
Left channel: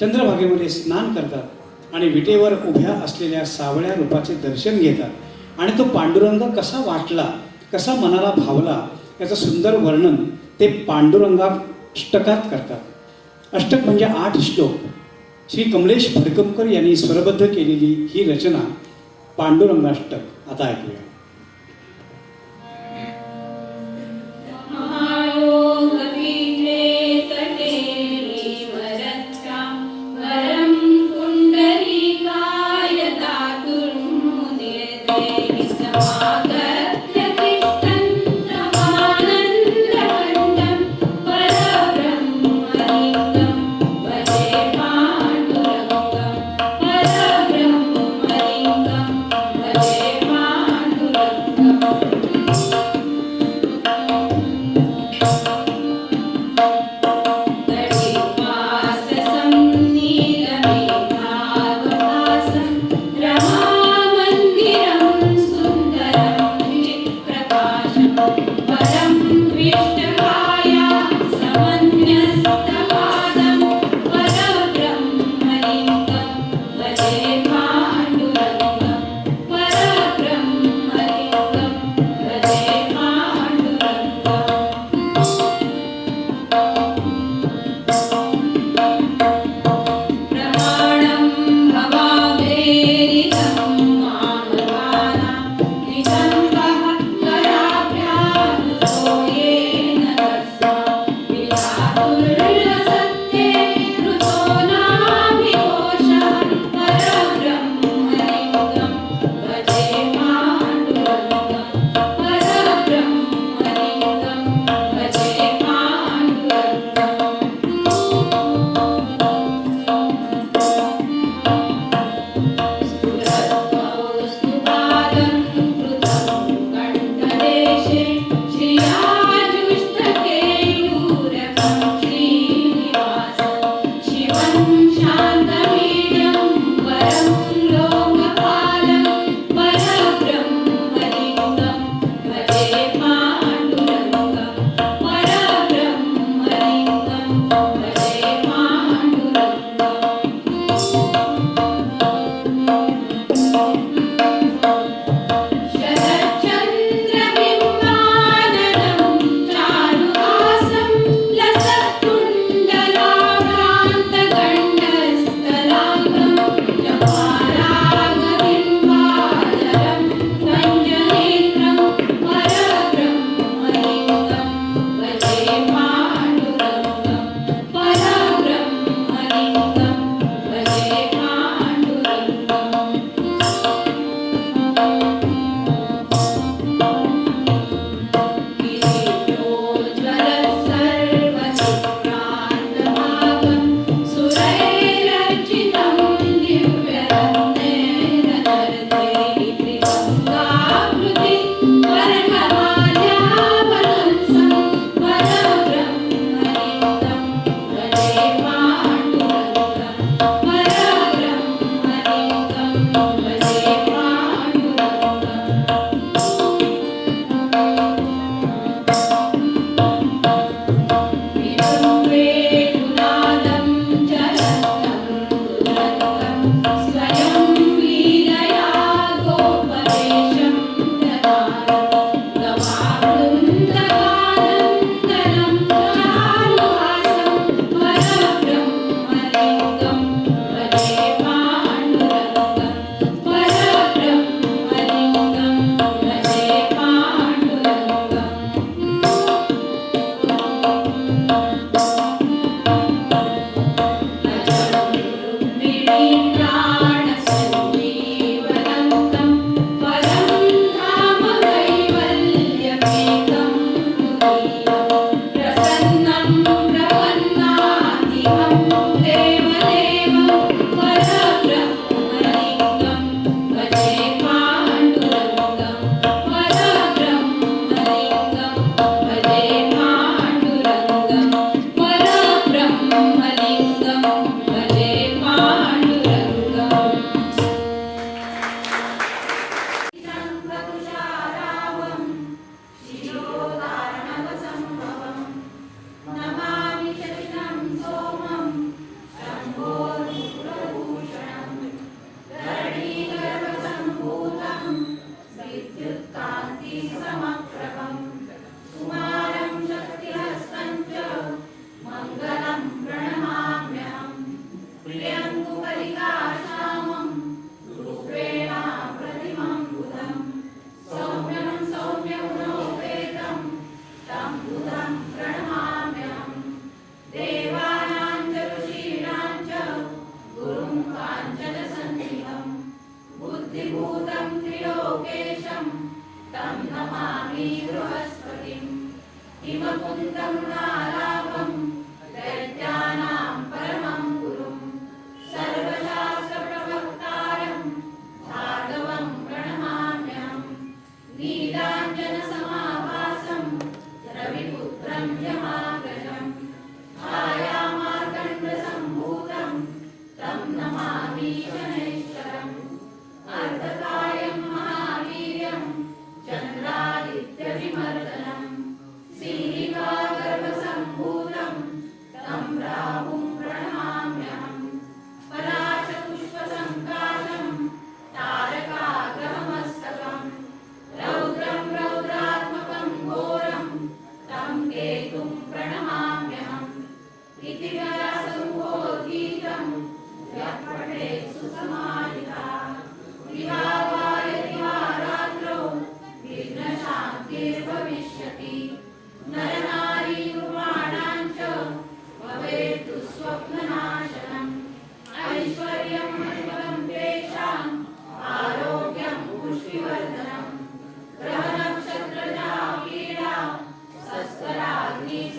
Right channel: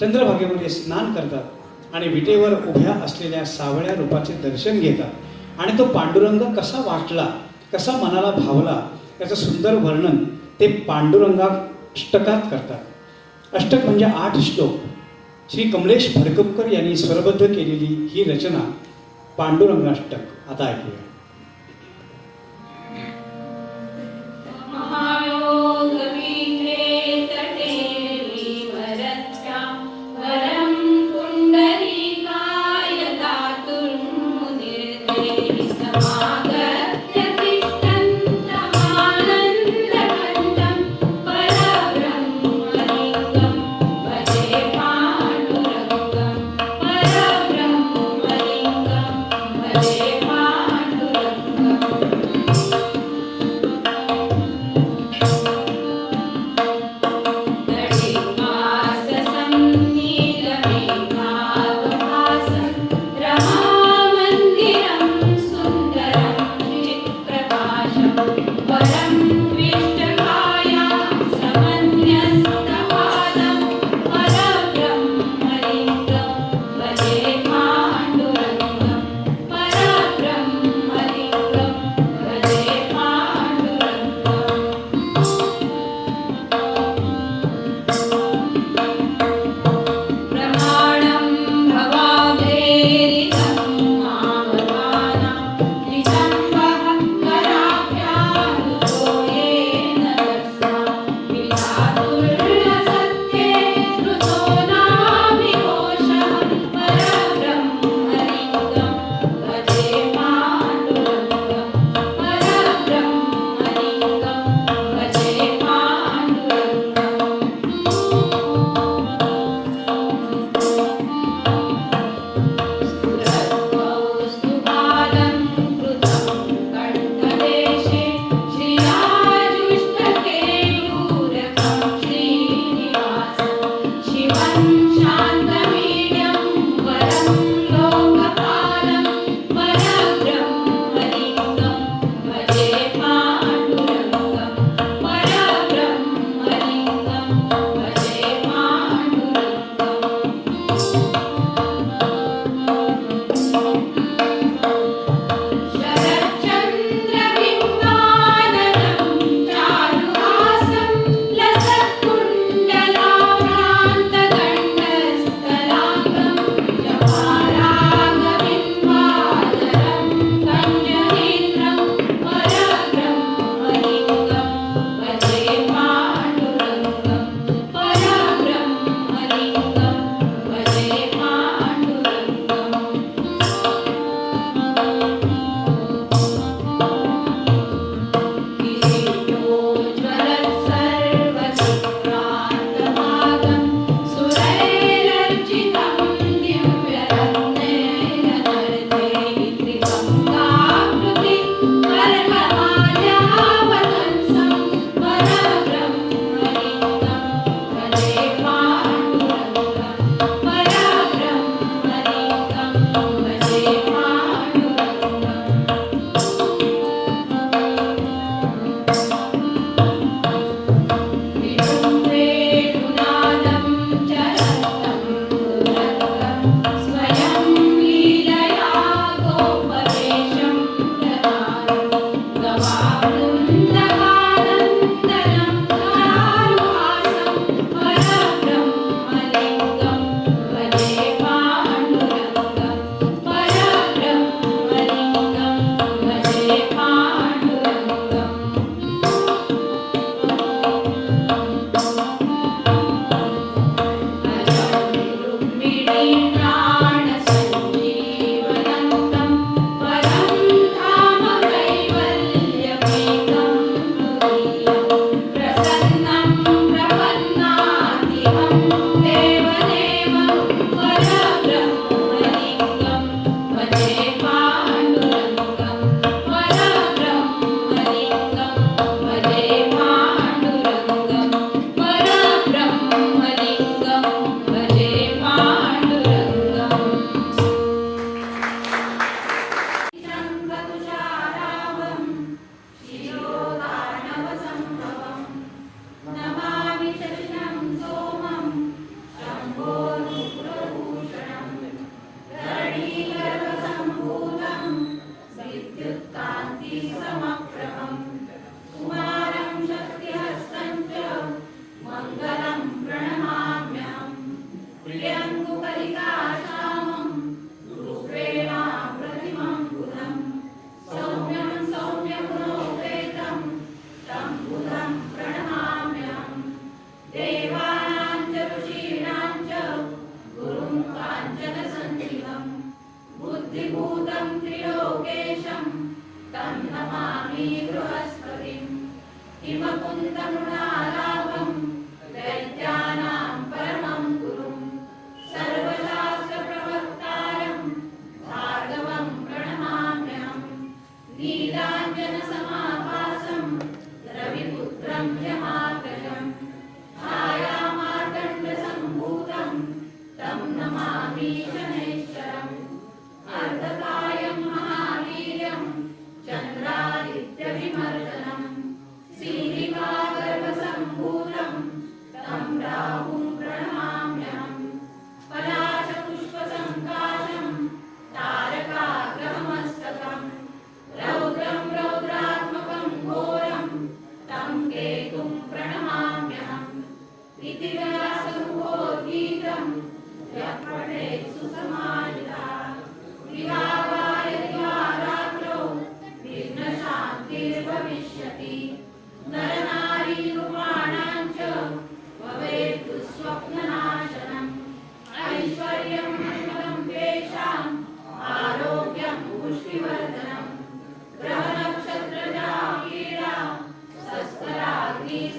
चंद्रभागेमध्ये स्नान करतात आणि विटेवर उभ्या असलेल्या सावळ्या रूपाचे दर्शन घेतात आणि तो पांडुरंग कसा वाटला, कसा मनाला भावला याचं सुंदर वर्णन ते पांडुरंगाष्टकात करतात. अष्टक म्हणजे 8 श्लोक. श्री कमलेश फडकमकर यांनी स्वरबद्ध केलेली ही रचना पांडुरंगाष्टक आता ऐकूया.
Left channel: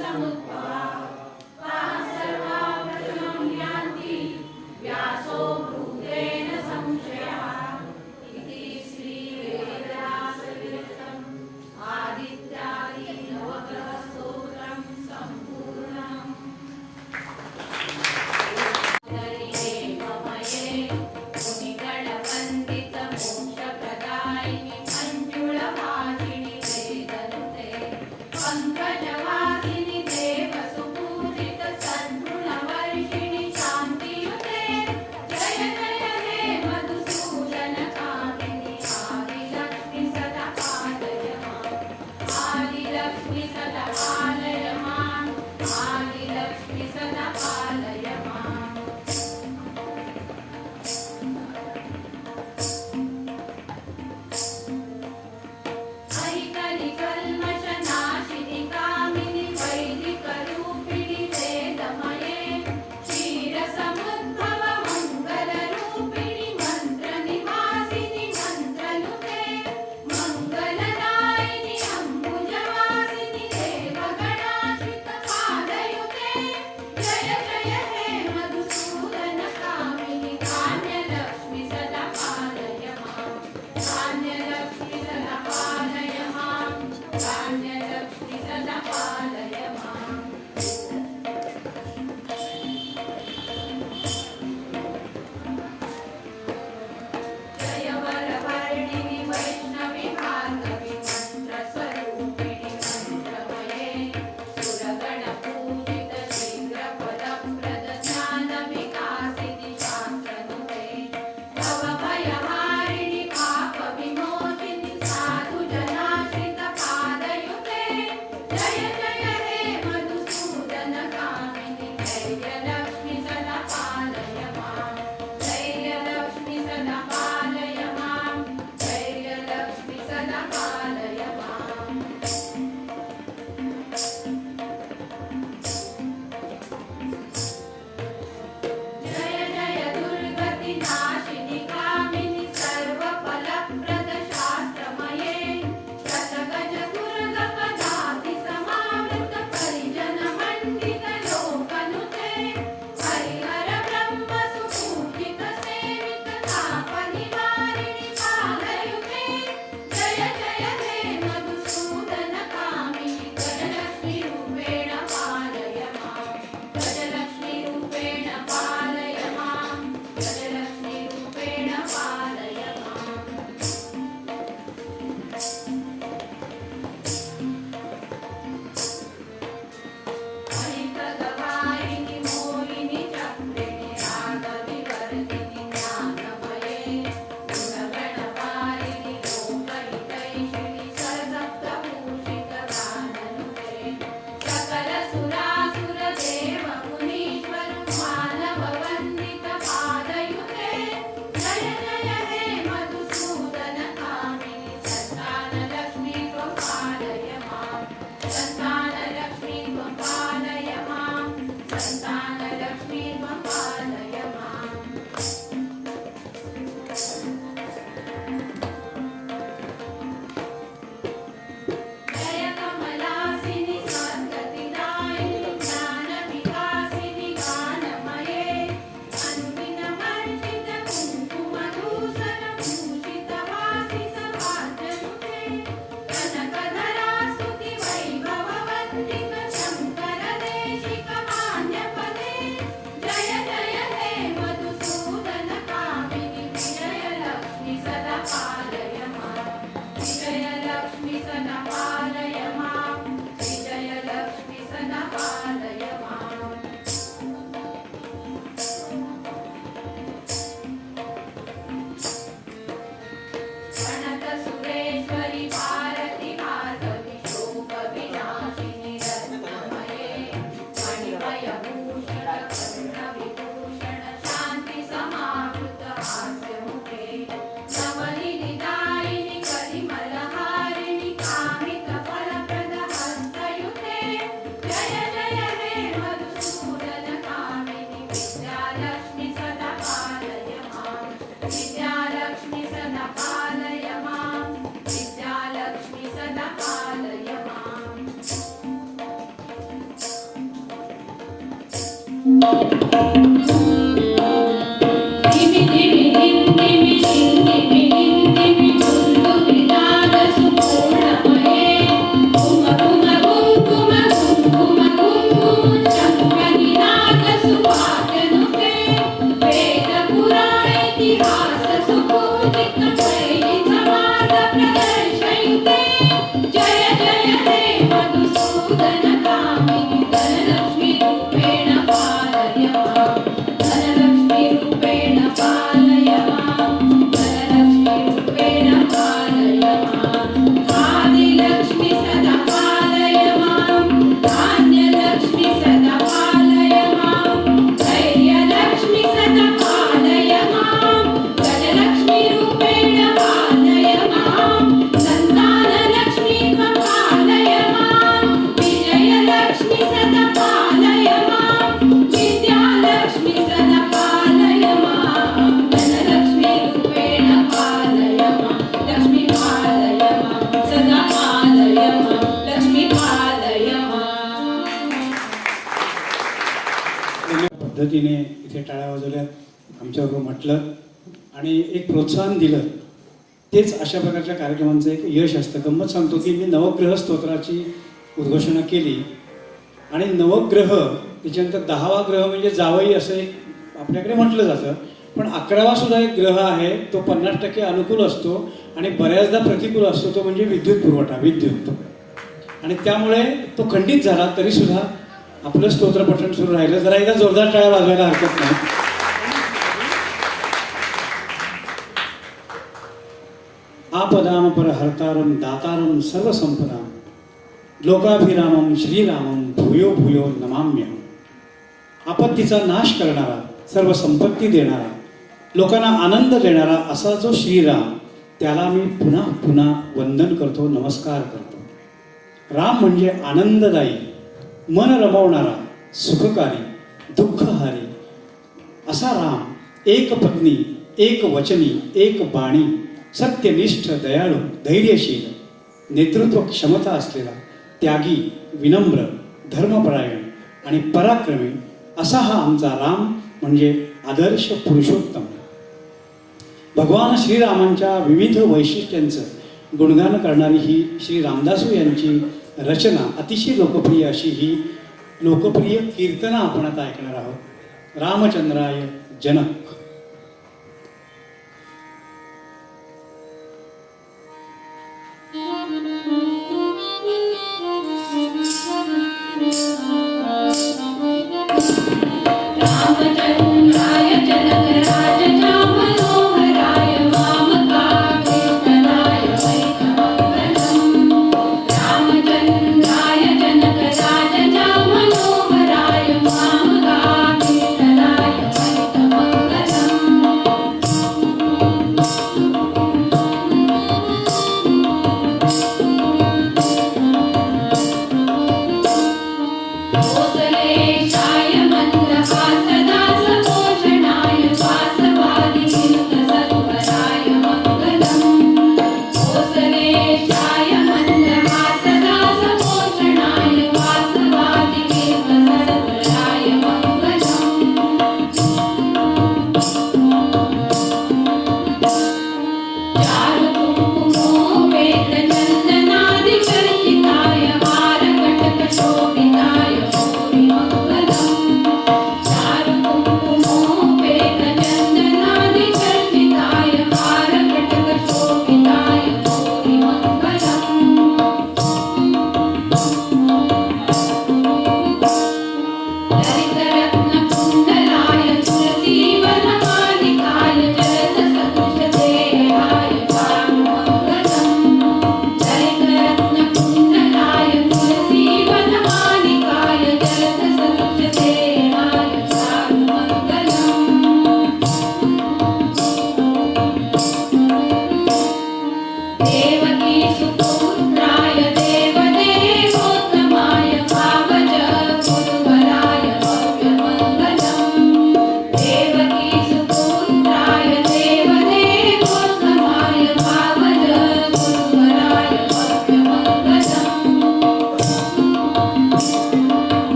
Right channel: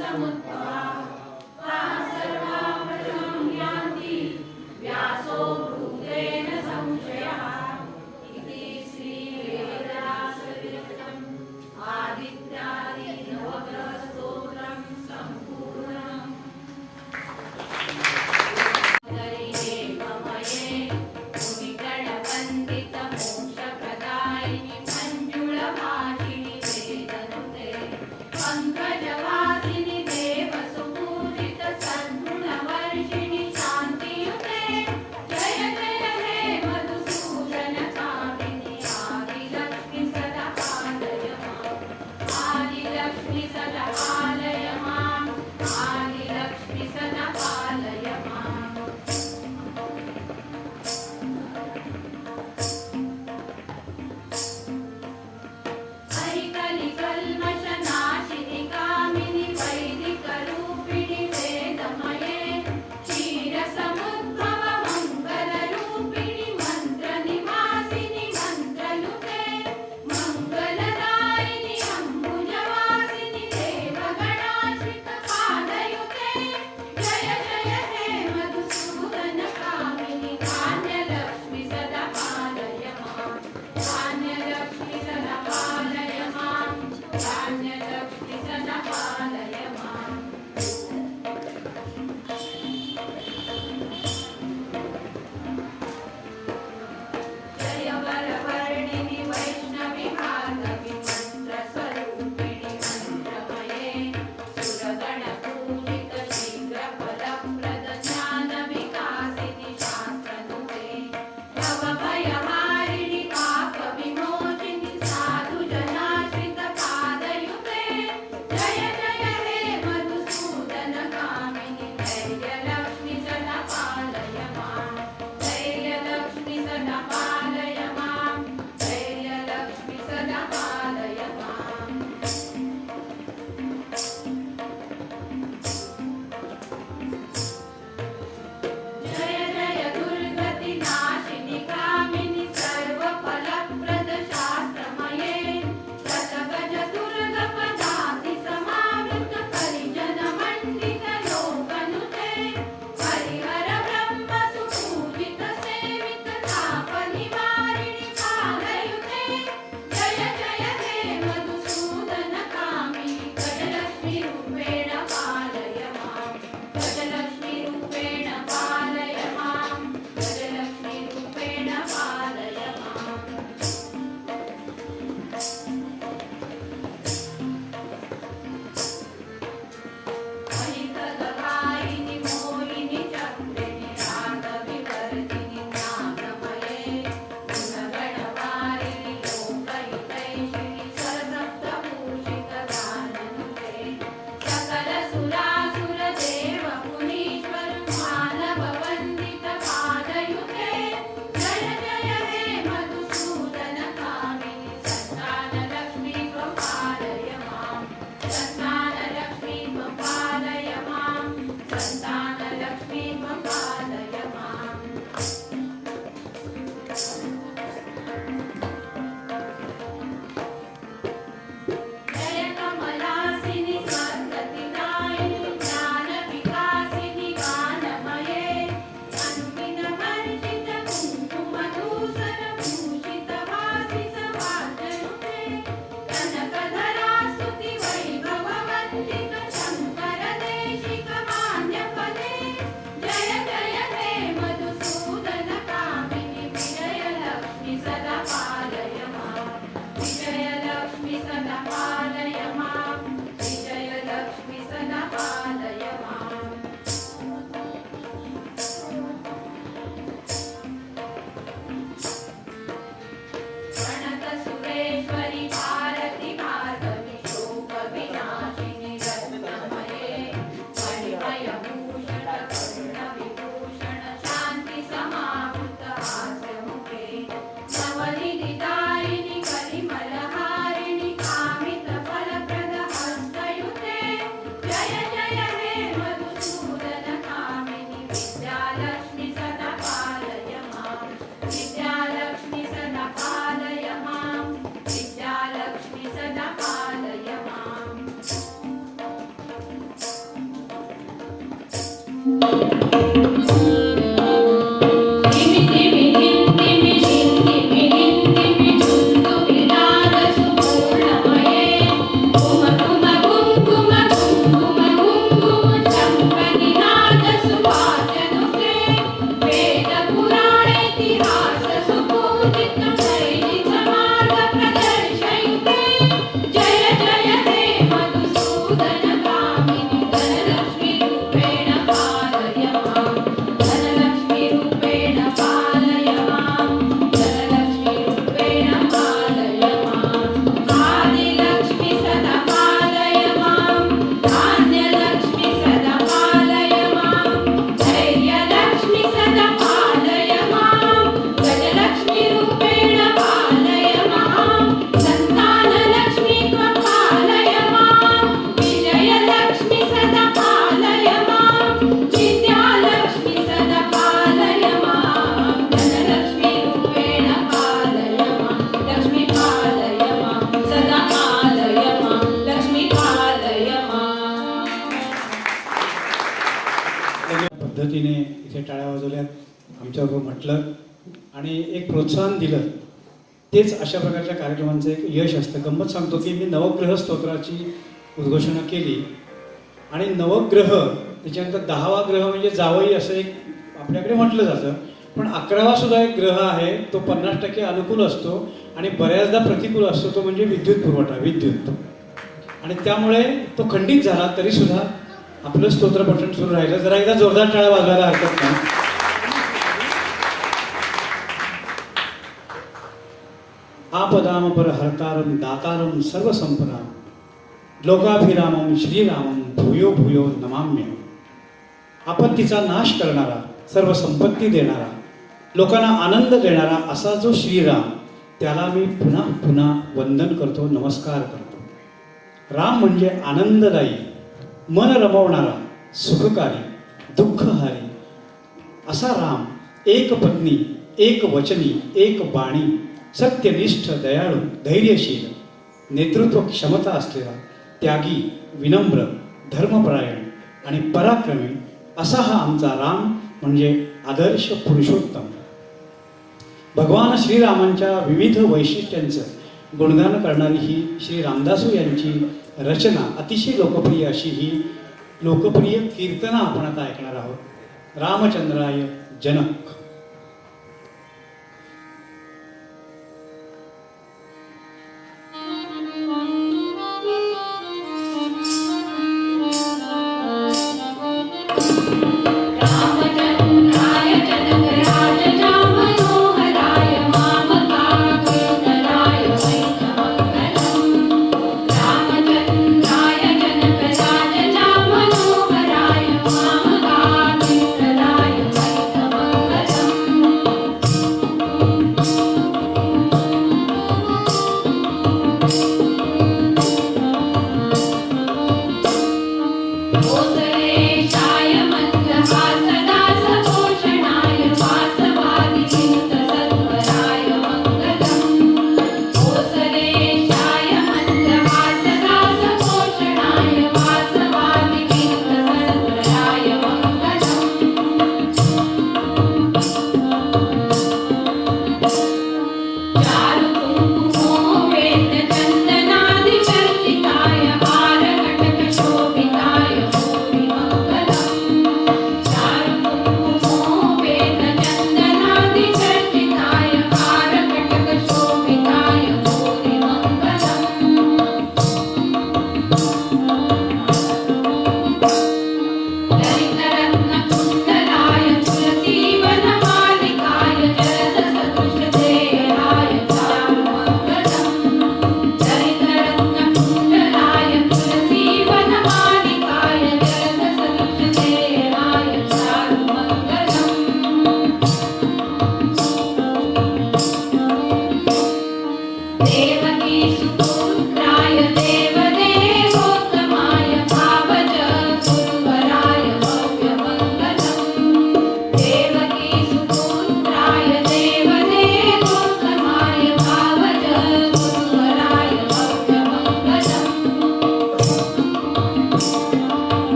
समुद्भवा ता सर्वा प्रशम्यान्ति व्यासो भूतेन संशयः इति श्रीवेदव्यासविरचितम् आदित्यादि नवग्रहस्तोत्रं सम्पूर्णम् हरिये पवये मुनिगणवन्दितमोक्षप्रदायिनि मञ्जुळभाषिणि वेदनुते पङ्कजवासिनि देवस धिमी धिमी धिम धिमी धिम धिमी धिम धिमी धुंदुभिनाद सुपूर्णमये घुम घुम घुम घुम घुम घुम घुम घुम शंखनिनाद सुवाचनुते वेद पुराण इतिहास सुपूजित वैदिक मार्ग प्रदर्शयिते जय जय हे मधुसूदन कामिनि धनलक्ष्मी रूपेण पालय माम् धनलक्ष्मी रूपेण पालय माम् धनलक्ष्मी रूपेण पालय माम् आदिलक्ष्मी सदा पालय माम् धान्यलक्ष्मी सदा पालय माम् धैर्यलक्ष्मी सदा पालय माम् गजलक्ष्मी रूपेण पालय माम् सन्तानलक्ष्मी त्वं पालय माम् विजयलक्ष्मी सदा पालय माम् विद्यालक्ष्मी सदा पालय माम् धनलक्ष्मी रूपेण पालय माम् लक्ष्मी पालय माम् सदा पालय माम् लक्ष्मी पालय माम् पद्धतीने इथे टाळ्या वाजवल्यात, आमच्याबरोबर म्हटलं आणि एक प्रोत्साहन दिलं. तेच अशा प्रकारच्या कार्यक्रमांचं एक यश असतं. गंमत सांगतो की मी नवग्रह स्तोत्राची उद्घोषणा केली आणि नवग्रह त्याच्यानंतर 10वा ग्रह म्हणजे जावई असं एक आपल्याकडे म्हटलं जातं, पण 11वा सुद्धा एक ग्रह आहे, तो 50% अनुकूल असतो आणि बऱ्याचदा प्रतिकूल असतो, तो म्हणजे विद्युत पुरवठा, विद्युत. आणि त्यामुळे तो खंडित झाला तरी सुद्धा आपलं स्तोत्र पठण सुरू राहिलं. जरा एकदा जोरदार टाळ्या वाजवायला हरकत नाही. आपदाम परहर्तारं दातारं सर्वसंपदां लोकाभिरामं श्रीरामं भूयो भूयो नमाम्यहम्. आपत्तीचा नाश करणारा, सर्व संपत्ती देणारा, लोकांना आनंद देणारा असा जो श्रीराम, त्याला मी पुन्हा पुन्हा वंदन करतो, नमस्कार करतो. राम म्हणजे आनंददायी, मन रमवणारा, सुखकारी, दुःखहारी असा राम. एक पत्नी, एक वचनी, एक बाणी, सत्यनिष्ठ, दयाळू, धैर्यशील, नेतृत्व क्षमता असलेला, त्यागी, विनम्र, धर्मपरायण आणि पराक्रमी असा हा आमचा राम म्हणजे आदर्श पुरुषोत्तम. भगवान श्रीरामांच्या विविध वैशिष्ट्यांचं गुणगान करणारी ही श्री रामदासू यांची रचना, अतिशय लोकप्रिय अशी ही लोकप्रिय कीर्तना आपण आता ऐकणार आहोत. रामचंद्राय जनक. रामचंद्राय जनक राजचा मनोहराय मामकाभीष्टदाय वैतमङ्गलम्. रामचंद्राय जनक राजचा मनोहराय मामकाभीष्टदाय वैतमङ्गलम्.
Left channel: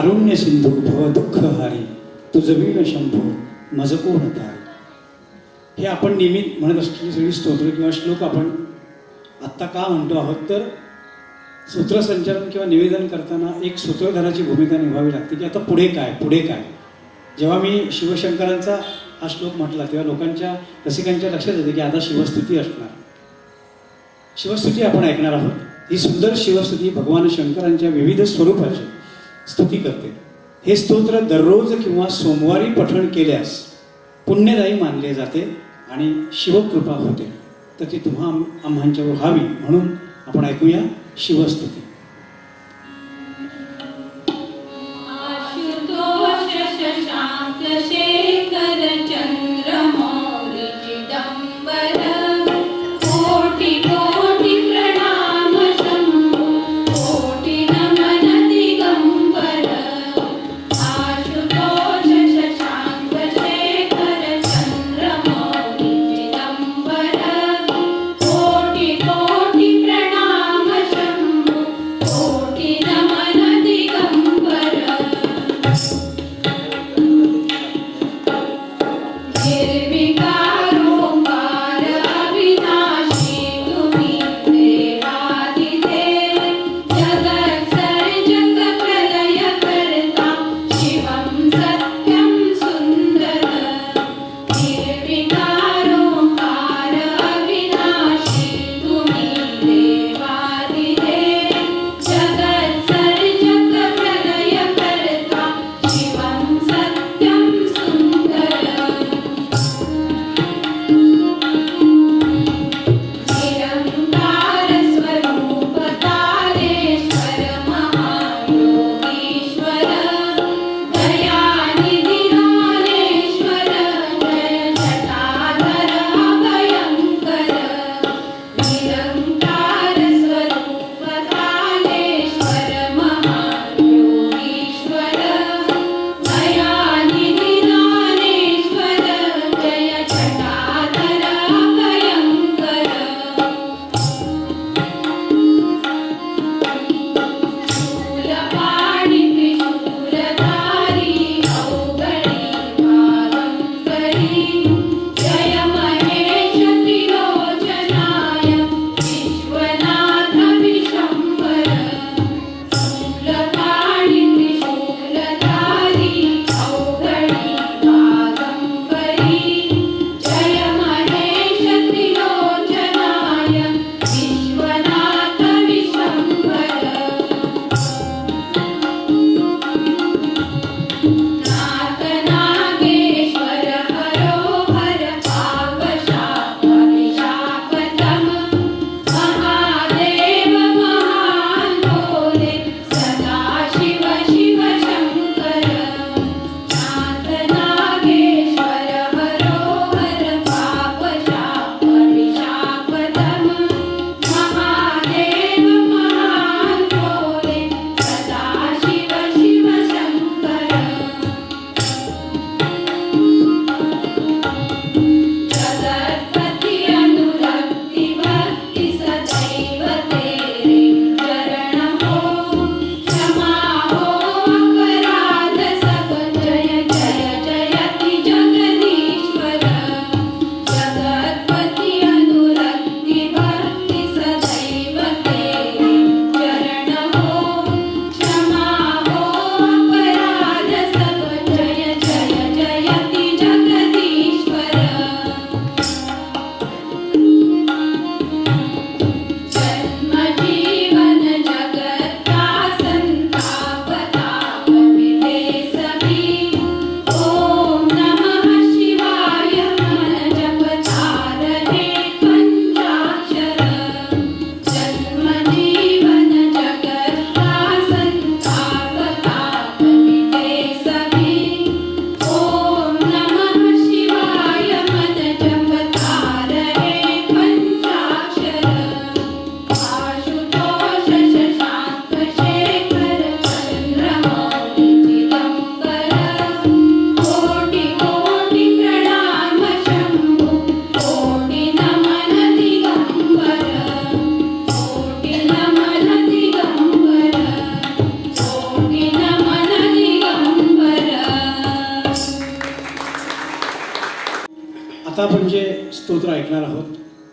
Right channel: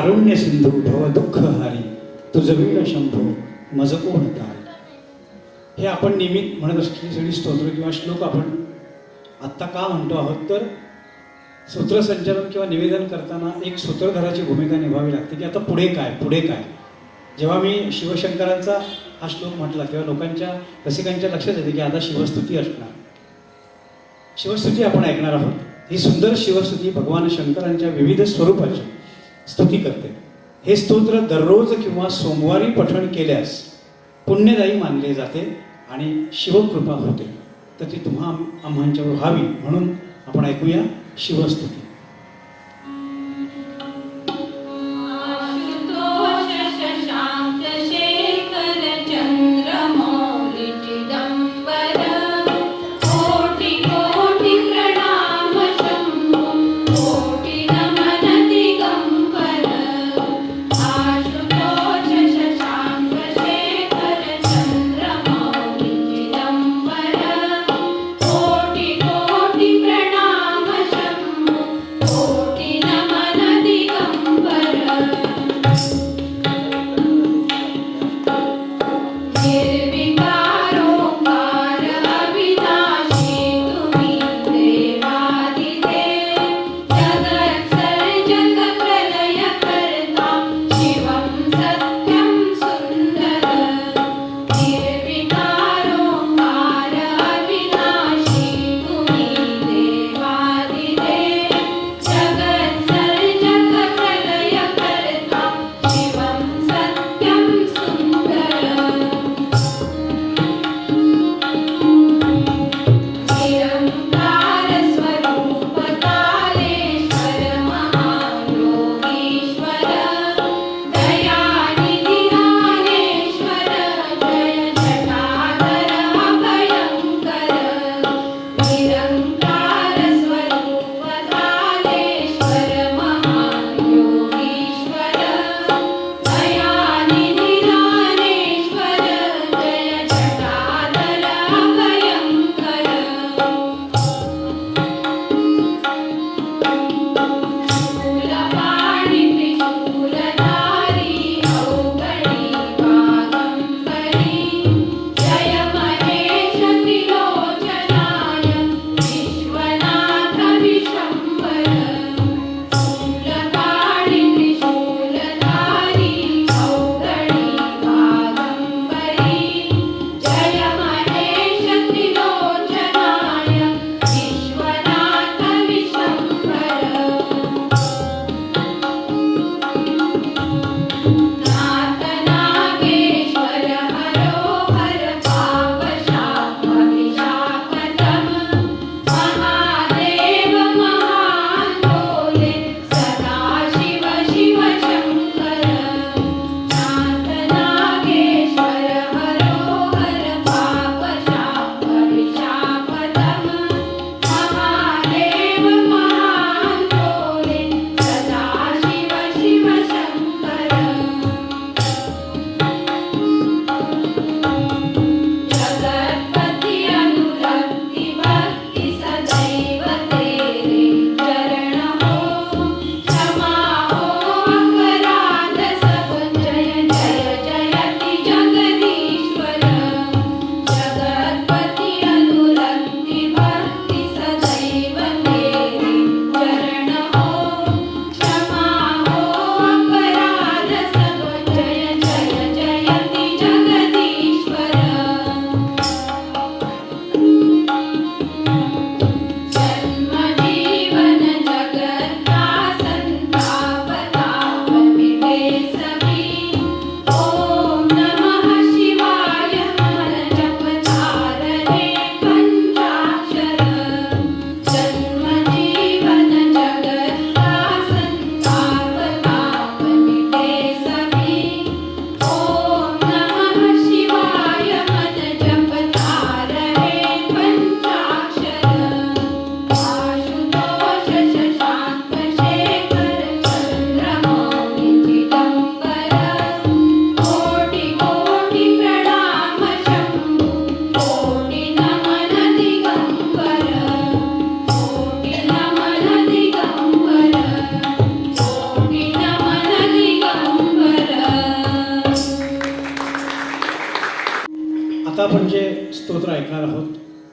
कारुण्य सिंधू भव दुःख हारी तुझवील शंभो मज कोण तारी. हे आपण नेहमी म्हणत असलेली सगळी स्तोत्र किंवा श्लोक आपण आत्ता का म्हणतो आहोत तर सूत्रसंचलन किंवा निवेदन करताना एक सूत्रधाराची भूमिका निभावी लागते की आता पुढे काय पुढे काय. जेव्हा मी शिवशंकरांचा हा श्लोक म्हटला तेव्हा लोकांच्या रसिकांच्या लक्षात येते की आता शिवस्तुती असणार. शिवस्तुती आपण ऐकणार आहोत. ही सुंदर शिवस्तुती भगवान शंकरांच्या विविध स्वरूपाची स्तुती करते. हे स्तोत्र दररोज किंवा सोमवारी पठण केल्यास पुण्यदायी मानले जाते आणि शिवकृपा होते. तर ती तुम्हा आम्हांच्यावर व्हावी म्हणून आपण ऐकूया शिवस्तुती. आशुतोष शशांक शेखर चंद्रमौली चिदंबर कोटि कोटि प्रणाम शंभो कोटि नमन दिगंबर. आशुतोष शशांक शेखर चंद्रमौली चिदंबर कोटि कोटि प्रणाम शंभो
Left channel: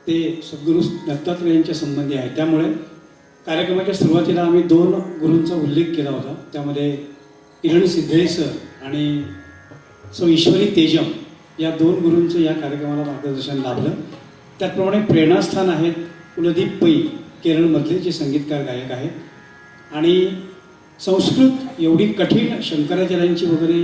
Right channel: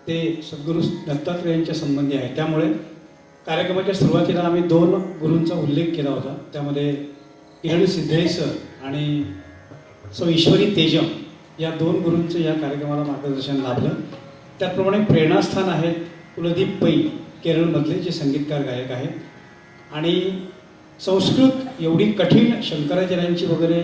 ते सद्गुरू दत्तात्रेयांच्या संबंधी आहे. त्यामुळे कार्यक्रमाच्या सुरुवातीला आम्ही 2 गुरूंचा उल्लेख केला होता. त्यामध्ये किरण सिद्धे सर आणि सौ ईश्वरी तेजम या 2 गुरूंचं या कार्यक्रमाला मार्गदर्शन लाभलं. त्याचप्रमाणे प्रेरणास्थान आहेत कुलदीप पै केरळमधले, जे संगीतकार गायक आहेत. आणि संस्कृत एवढी कठीण शंकराचार्यांची वगैरे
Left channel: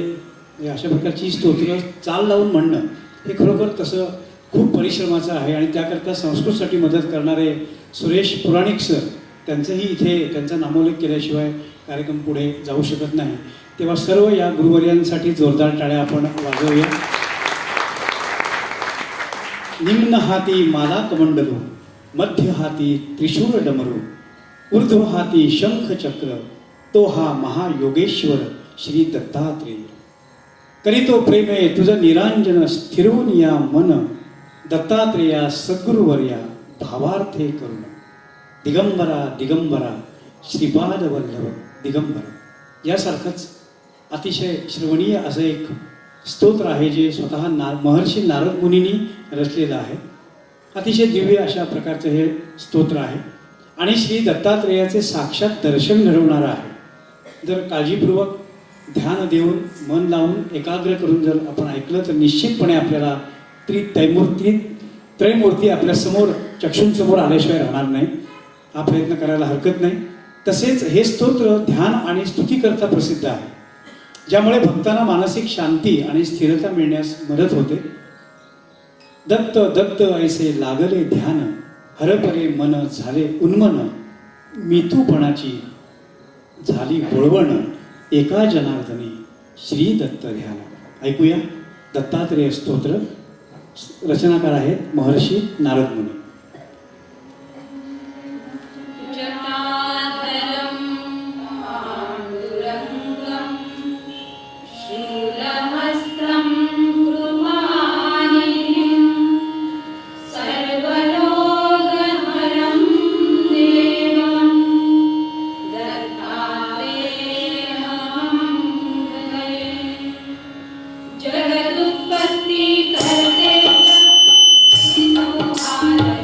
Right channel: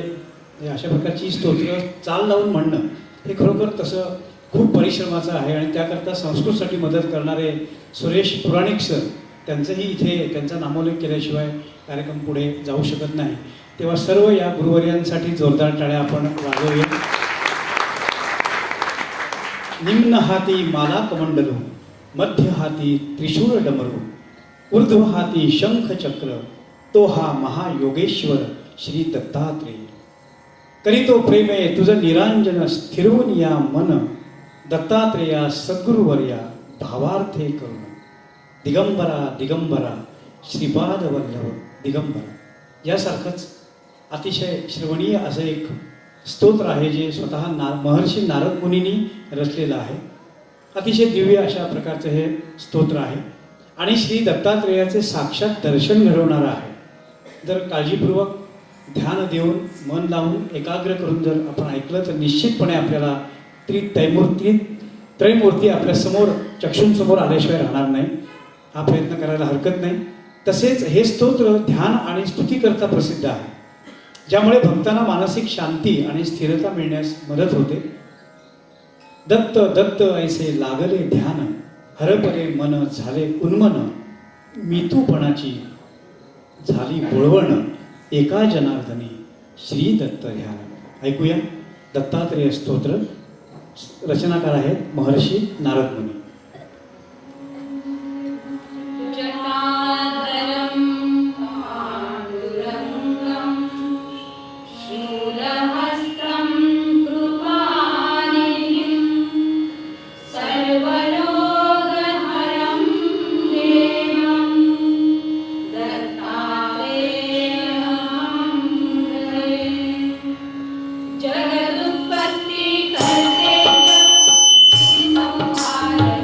अशा प्रकारची स्तोत्र चाल लावून म्हणणं हे खरोखर तसं खूप परिश्रमाचं आहे. आणि त्याकरता संस्कृतसाठी मदत करणारे सुरेश पुराणिक सर, त्यांचंही इथे त्यांचा नामोल्लेख केल्याशिवाय कार्यक्रम पुढे जाऊ शकत नाही. तेव्हा सर्व या गुरुवर्यांसाठी जोरदार टाळ्या आपण वाजवूया. निम्न हाती माला कमंडलू, मध्य हाती त्रिशूळ डमरू, ऊर्ध्व हाती शंख चक्र, तो हा महायोगेश्वर श्री दत्तात्रेय. करीतो प्रेमे तुझं निरांजन, स्थिरवून या मन, दत्तात्रेया सद्गुरुवर्या भावार्थे करून. दिगंबरा दिगंबरा श्रीपाद वल्लभ दिगंबरा. यासारखंच अतिशय श्रवणीय असं एक स्तोत्र आहे, जे स्वतः महर्षी नारद मुनींनी रचलेलं आहे. अतिशय दिव्य अशा प्रकारचं हे स्तोत्र आहे आणि श्री दत्तात्रेयाचे साक्षात दर्शन घडवणारं आहे. जर काळजीपूर्वक ध्यान देऊन मन लावून एकाग्र करून जर आपण ऐकलं तर निश्चितपणे आपल्याला त्रयमूर्ती आपल्या समोर चक्षुंसमोर आल्याशिवाय राहणार नाही. हा प्रयत्न करायला हरकत नाही. तसेच हे स्तोत्र ध्यान आणि स्तुतीकरता प्रसिद्ध आहे, ज्यामुळे भक्तांना मानसिक शांती आणि स्थिरता मिळण्यास मदत होते. दत्त दत्त ऐसे लागले ध्यान, हरपले मन झाले उन्मन, मिथूपणाची झाली बोळवण, एका जनार्दनी श्री दत्त ध्यान. ऐकूया दत्तात्रेय स्तोत्र. रचनाकार आहेत महर्षी नारद मुनी. जटाधरं पाण्डुरङ्गं शूलहस्तं कृपानिधिं सर्वलोकहरं देवं दत्तात्रेयं हृदये. जगदुत्पत्ति करते संहार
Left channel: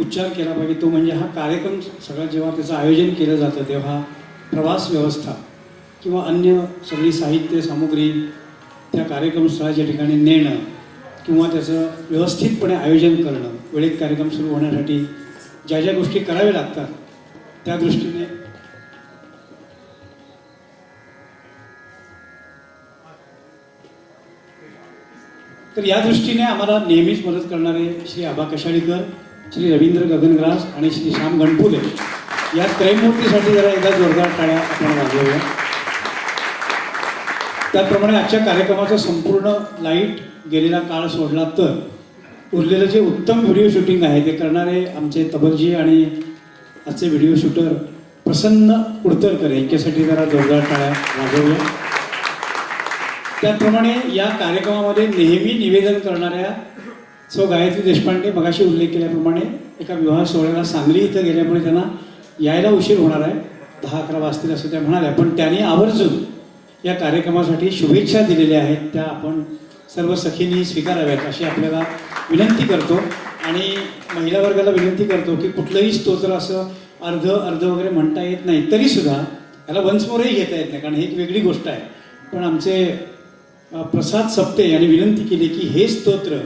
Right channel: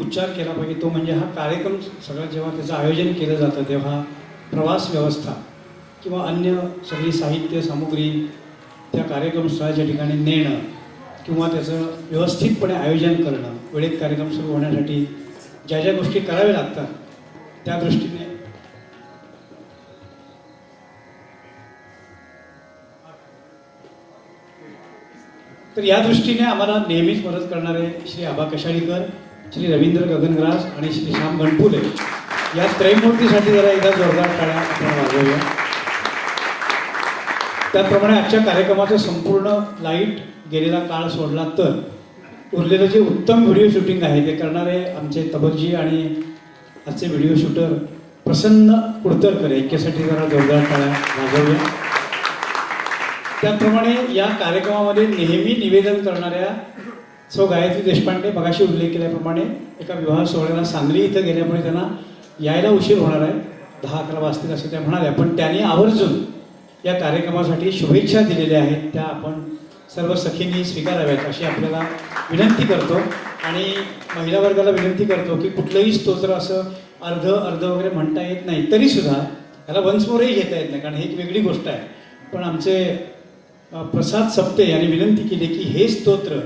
उच्चार केला पाहिजे, तो म्हणजे हा कार्यक्रम सगळं जेव्हा त्याचं आयोजन केलं जातं तेव्हा प्रवास व्यवस्था किंवा अन्य सगळी साहित्य सामुग्री त्या कार्यक्रमस्थळाच्या ठिकाणी नेणं किंवा त्याचं व्यवस्थितपणे आयोजन करणं, वेळेत कार्यक्रम सुरू होण्यासाठी ज्या ज्या गोष्टी कराव्या लागतात त्या दृष्टीने तर या दृष्टीने आम्हाला नेहमीच मदत करणारे श्री आबा कशाळीकर, श्री रवींद्र गगनग्रास आणि श्री श्याम गणपुले या त्रैमूर्तीसाठी जरा एकदा जोरदार टाळ्या आपण वाजवूया. त्याप्रमाणे आजच्या कार्यक्रमाचा संपूर्ण लाईट गेलेला काळ सोडला तर उरलेलं जे उत्तम व्हिडिओ शूटिंग आहे ते करणारे आमचे तबलजी आणि आजचे व्हिडिओ शूटर प्रसन्न कुडतरकर यांच्यासाठी जरा जोरदार टाळ्या वाजवूया. त्याप्रमाणे या कार्यक्रमामध्ये नेहमी निवेदन करणाऱ्या सो गायत्री देशपांडे मगाशी उल्लेख केल्याप्रमाणे एका विवाह सोहळ्याला सांगली इथं गेल्यामुळे त्यांना यायला उशीर होणार आहे, 10-11 वाजतील असं त्या म्हणाल्या, पण त्यांनी आवर्जून या कार्यक्रमासाठी शुभेच्छा दिलेल्या आहेत, त्या आपण सर्व सखींनी स्वीकाराव्यात अशी आपल्याला विनंती करतो. आणि महिला वर्गाला विनंती करतो की कुठलंही स्तोत्र असं अर्ध वगैरे म्हणता येत नाही, तरीसुद्धा त्याला वन्स मोरही घेता येत नाही कारण ही एक वेगळी गोष्ट आहे. पण आमचे प्रसाद सप्ते यांनी विनंती केली की हे स्तोत्र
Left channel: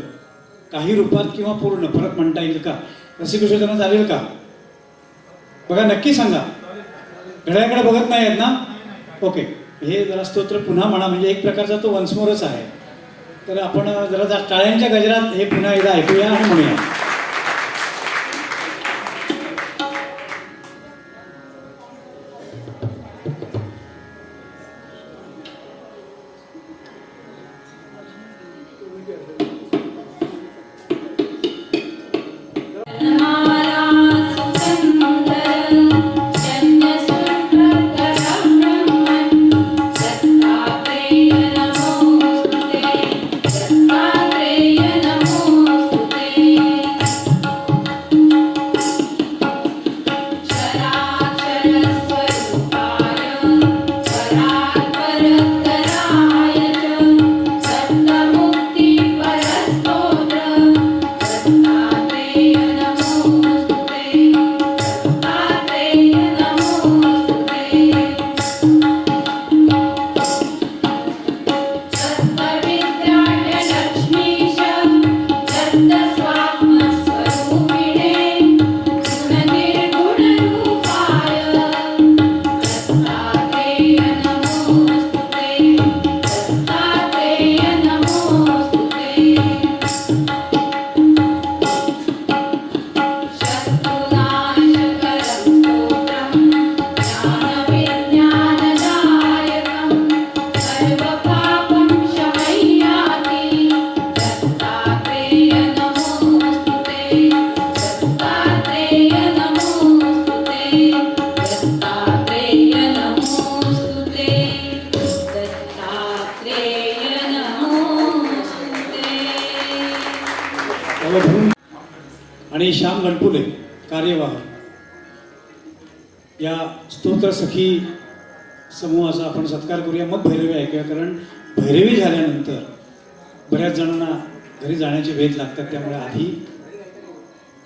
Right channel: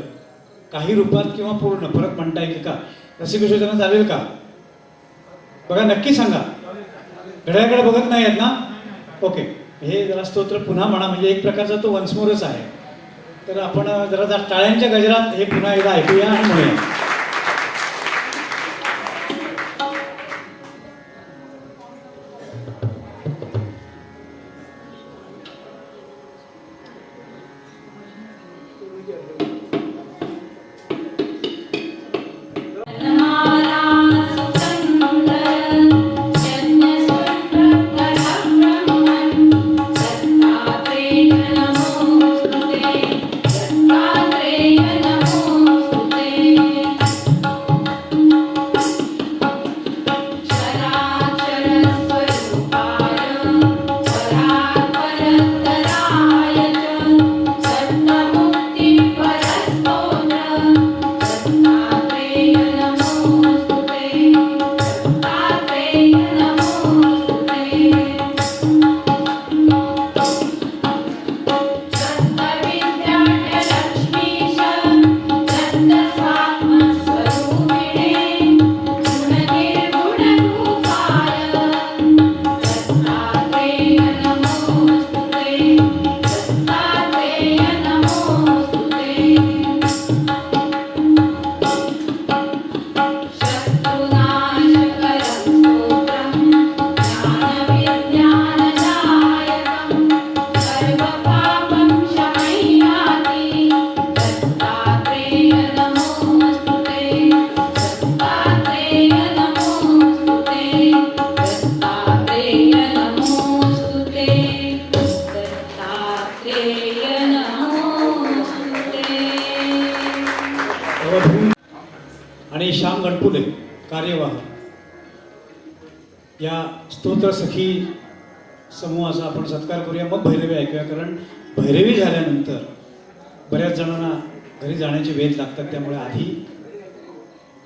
काही रूपात किंवा पूर्ण परत म्हणता येईल का, रसिकविषयांना चालेल का? बघा नक्की सांगा, घड्याकडे बघत नाही आहेत ना? ओके, हे जरा स्तोत्र पुन्हा म्हणा, म्हणजे एक प्रकारचा तो वन्समोरच आहे. तर आपण जरा टाळ्यांच्या गजरात हे पुन्हा एकदा ऐकूया आणि म्हणूया. आणि श्याम गणपुले कार्यवाह या स्तोत्र सखी समूहाचा आपण सत्कार करूया, मग भैरवी ऐकूया. कारण भैरवी झाल्यानंतर बऱ्याच जणांना घरी जाण्याचे वेध लागतात, त्यामुळे आधी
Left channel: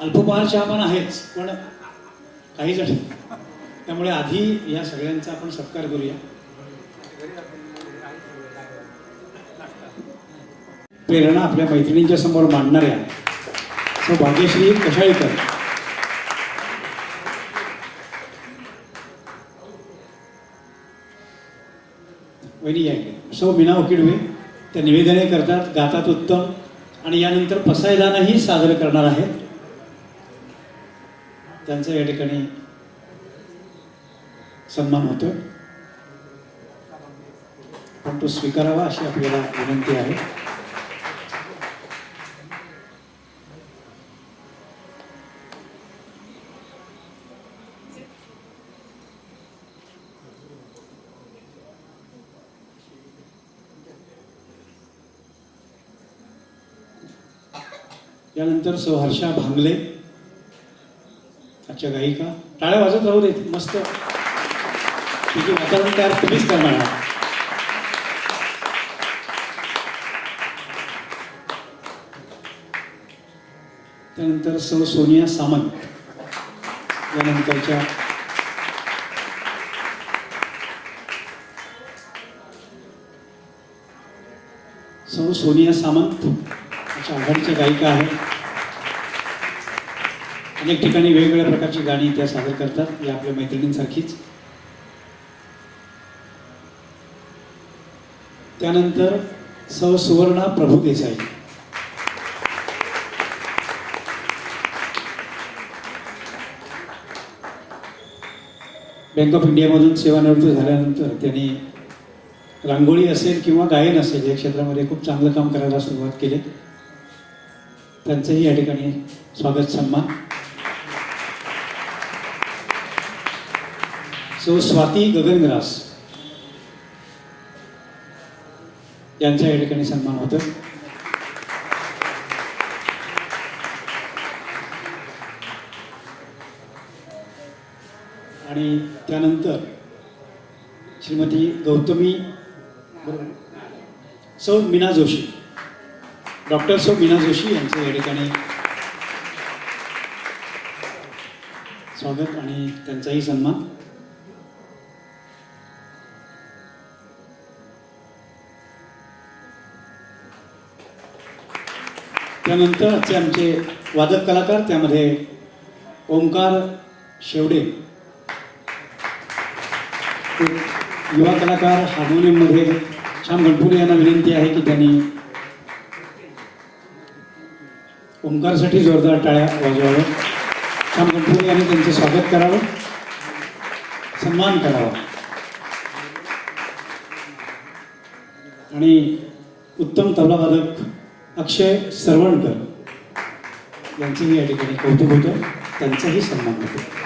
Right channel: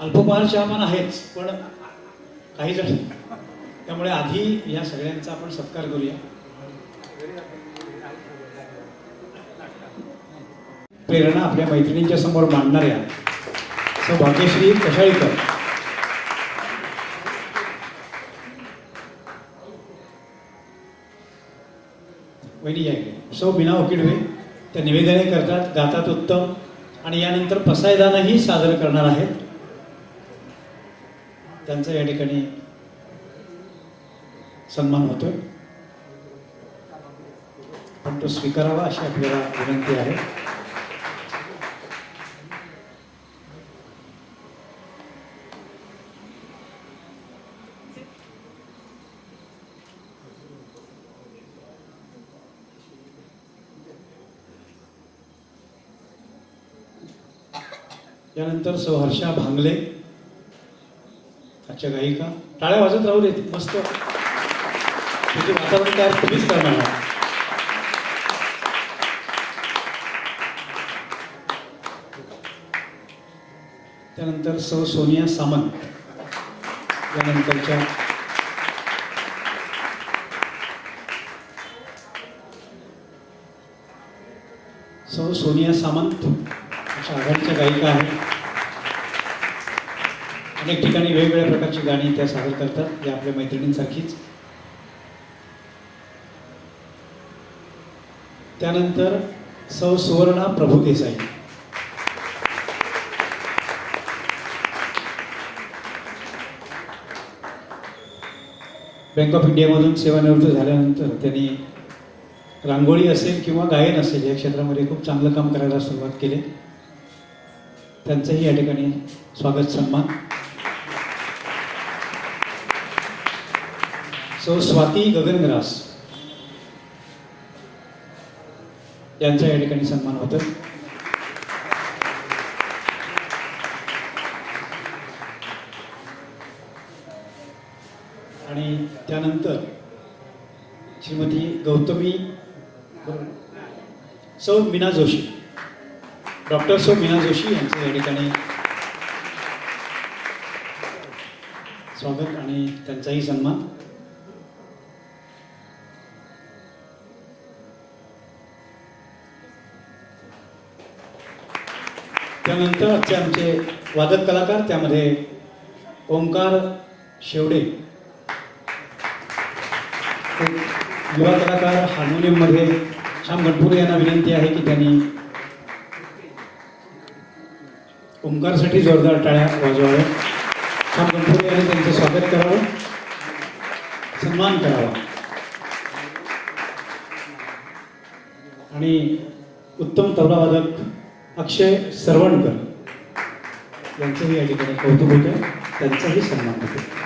अल्पपहार चहा पण आहेच, पण काही जण, त्यामुळे आधी या सगळ्यांचा आपण सत्कार करूया. प्रेरणा आपल्या मैत्रिणींच्या समोर मांडणाऱ्या तो भाग्यश्री कशाळीकर, वहिनी या इकडे. सो मीना वकिडवे त्या निवेदने करतात, गातात उत्तम, आणि यानंतर पसायदानही सादर करणार आहेत. त्यांचा या ठिकाणी सन्मान होतोय, पण तो स्वीकारावा अशी आपल्याला विनंती आहे. त्यानंतर हर्षा भांगले, आजच्या गायिका, टाळ्या वाजत राहू देत, मस्त तिथे वातावरण तयार तुम्हीच करणार. त्यानंतर सौ सोनिया सामंत यानंतरच्या सौ सोनिया सामंत अशा आघाडीच्या गायिका आहेत. अनेक ठिकाणी वेगवेगळ्या प्रकारची गाणी त्या सादर करतात, या आपल्या मैत्रिणींसारखीच. त्यानंतर सौ सुवर्णा प्रभुदेसाई. बँक ऑफ इंडियामधून सेवानिवृत्त झाल्यानंतर त्यांनी रांगोळी असेल किंवा गायन असेल या क्षेत्रामध्ये खूप चांगलं काम करायला सुरुवात केली. त्यांचंही या ठिकाणी स्वागत सन्मान. सौ स्वाती गगनग्रास यांचा या ठिकाणी सन्मान होतो. आणि त्यानंतर श्रीमती गौतमी सौ मीना जोशी, डॉक्टर सौ मीना जोशी यांचं या ठिकाणी स्वागत आणि त्यांचाही सन्मान. त्यानंतर आमचे वादक कलाकार, त्यामध्ये ओंकार शेवडे युवा कलाकार, हार्मोनियममध्ये श्याम गणपुरे यांना विनंती आहे की त्यांनी ओंकारसाठी जोरदार टाळ्या वाजवाव्या. श्याम गणपुरे यांनी त्यांचे स्वागत करावं, सन्मान करावा. आणि उत्तम तबलावादक अक्षय सरवणकर यांचंही या ठिकाणी कौतुक होतं, त्यांचाही सन्मान होतो.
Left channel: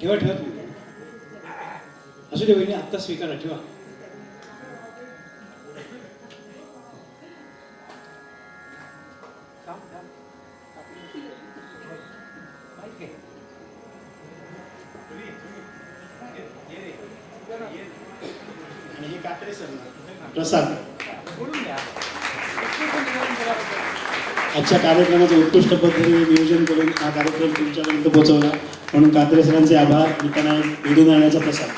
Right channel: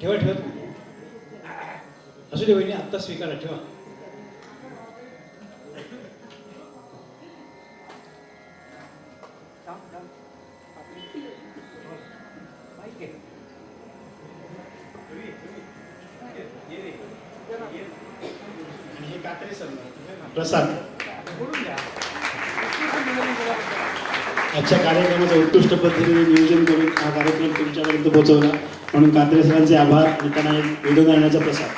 ठेवा ठेवा असू दे बहिणी, आत्ता स्वीकारा, ठेवा. प्रसाद, आजच्या कार्यक्रमाचं उत्कृष्ट पद्धतीने नियोजन करून हा कार्यक्रम तुमच्यापर्यंत पोहोचवला म्हणून कात्रे सरांचे आभार. आणि त्यांना घडून आणण्याचा प्रसाद.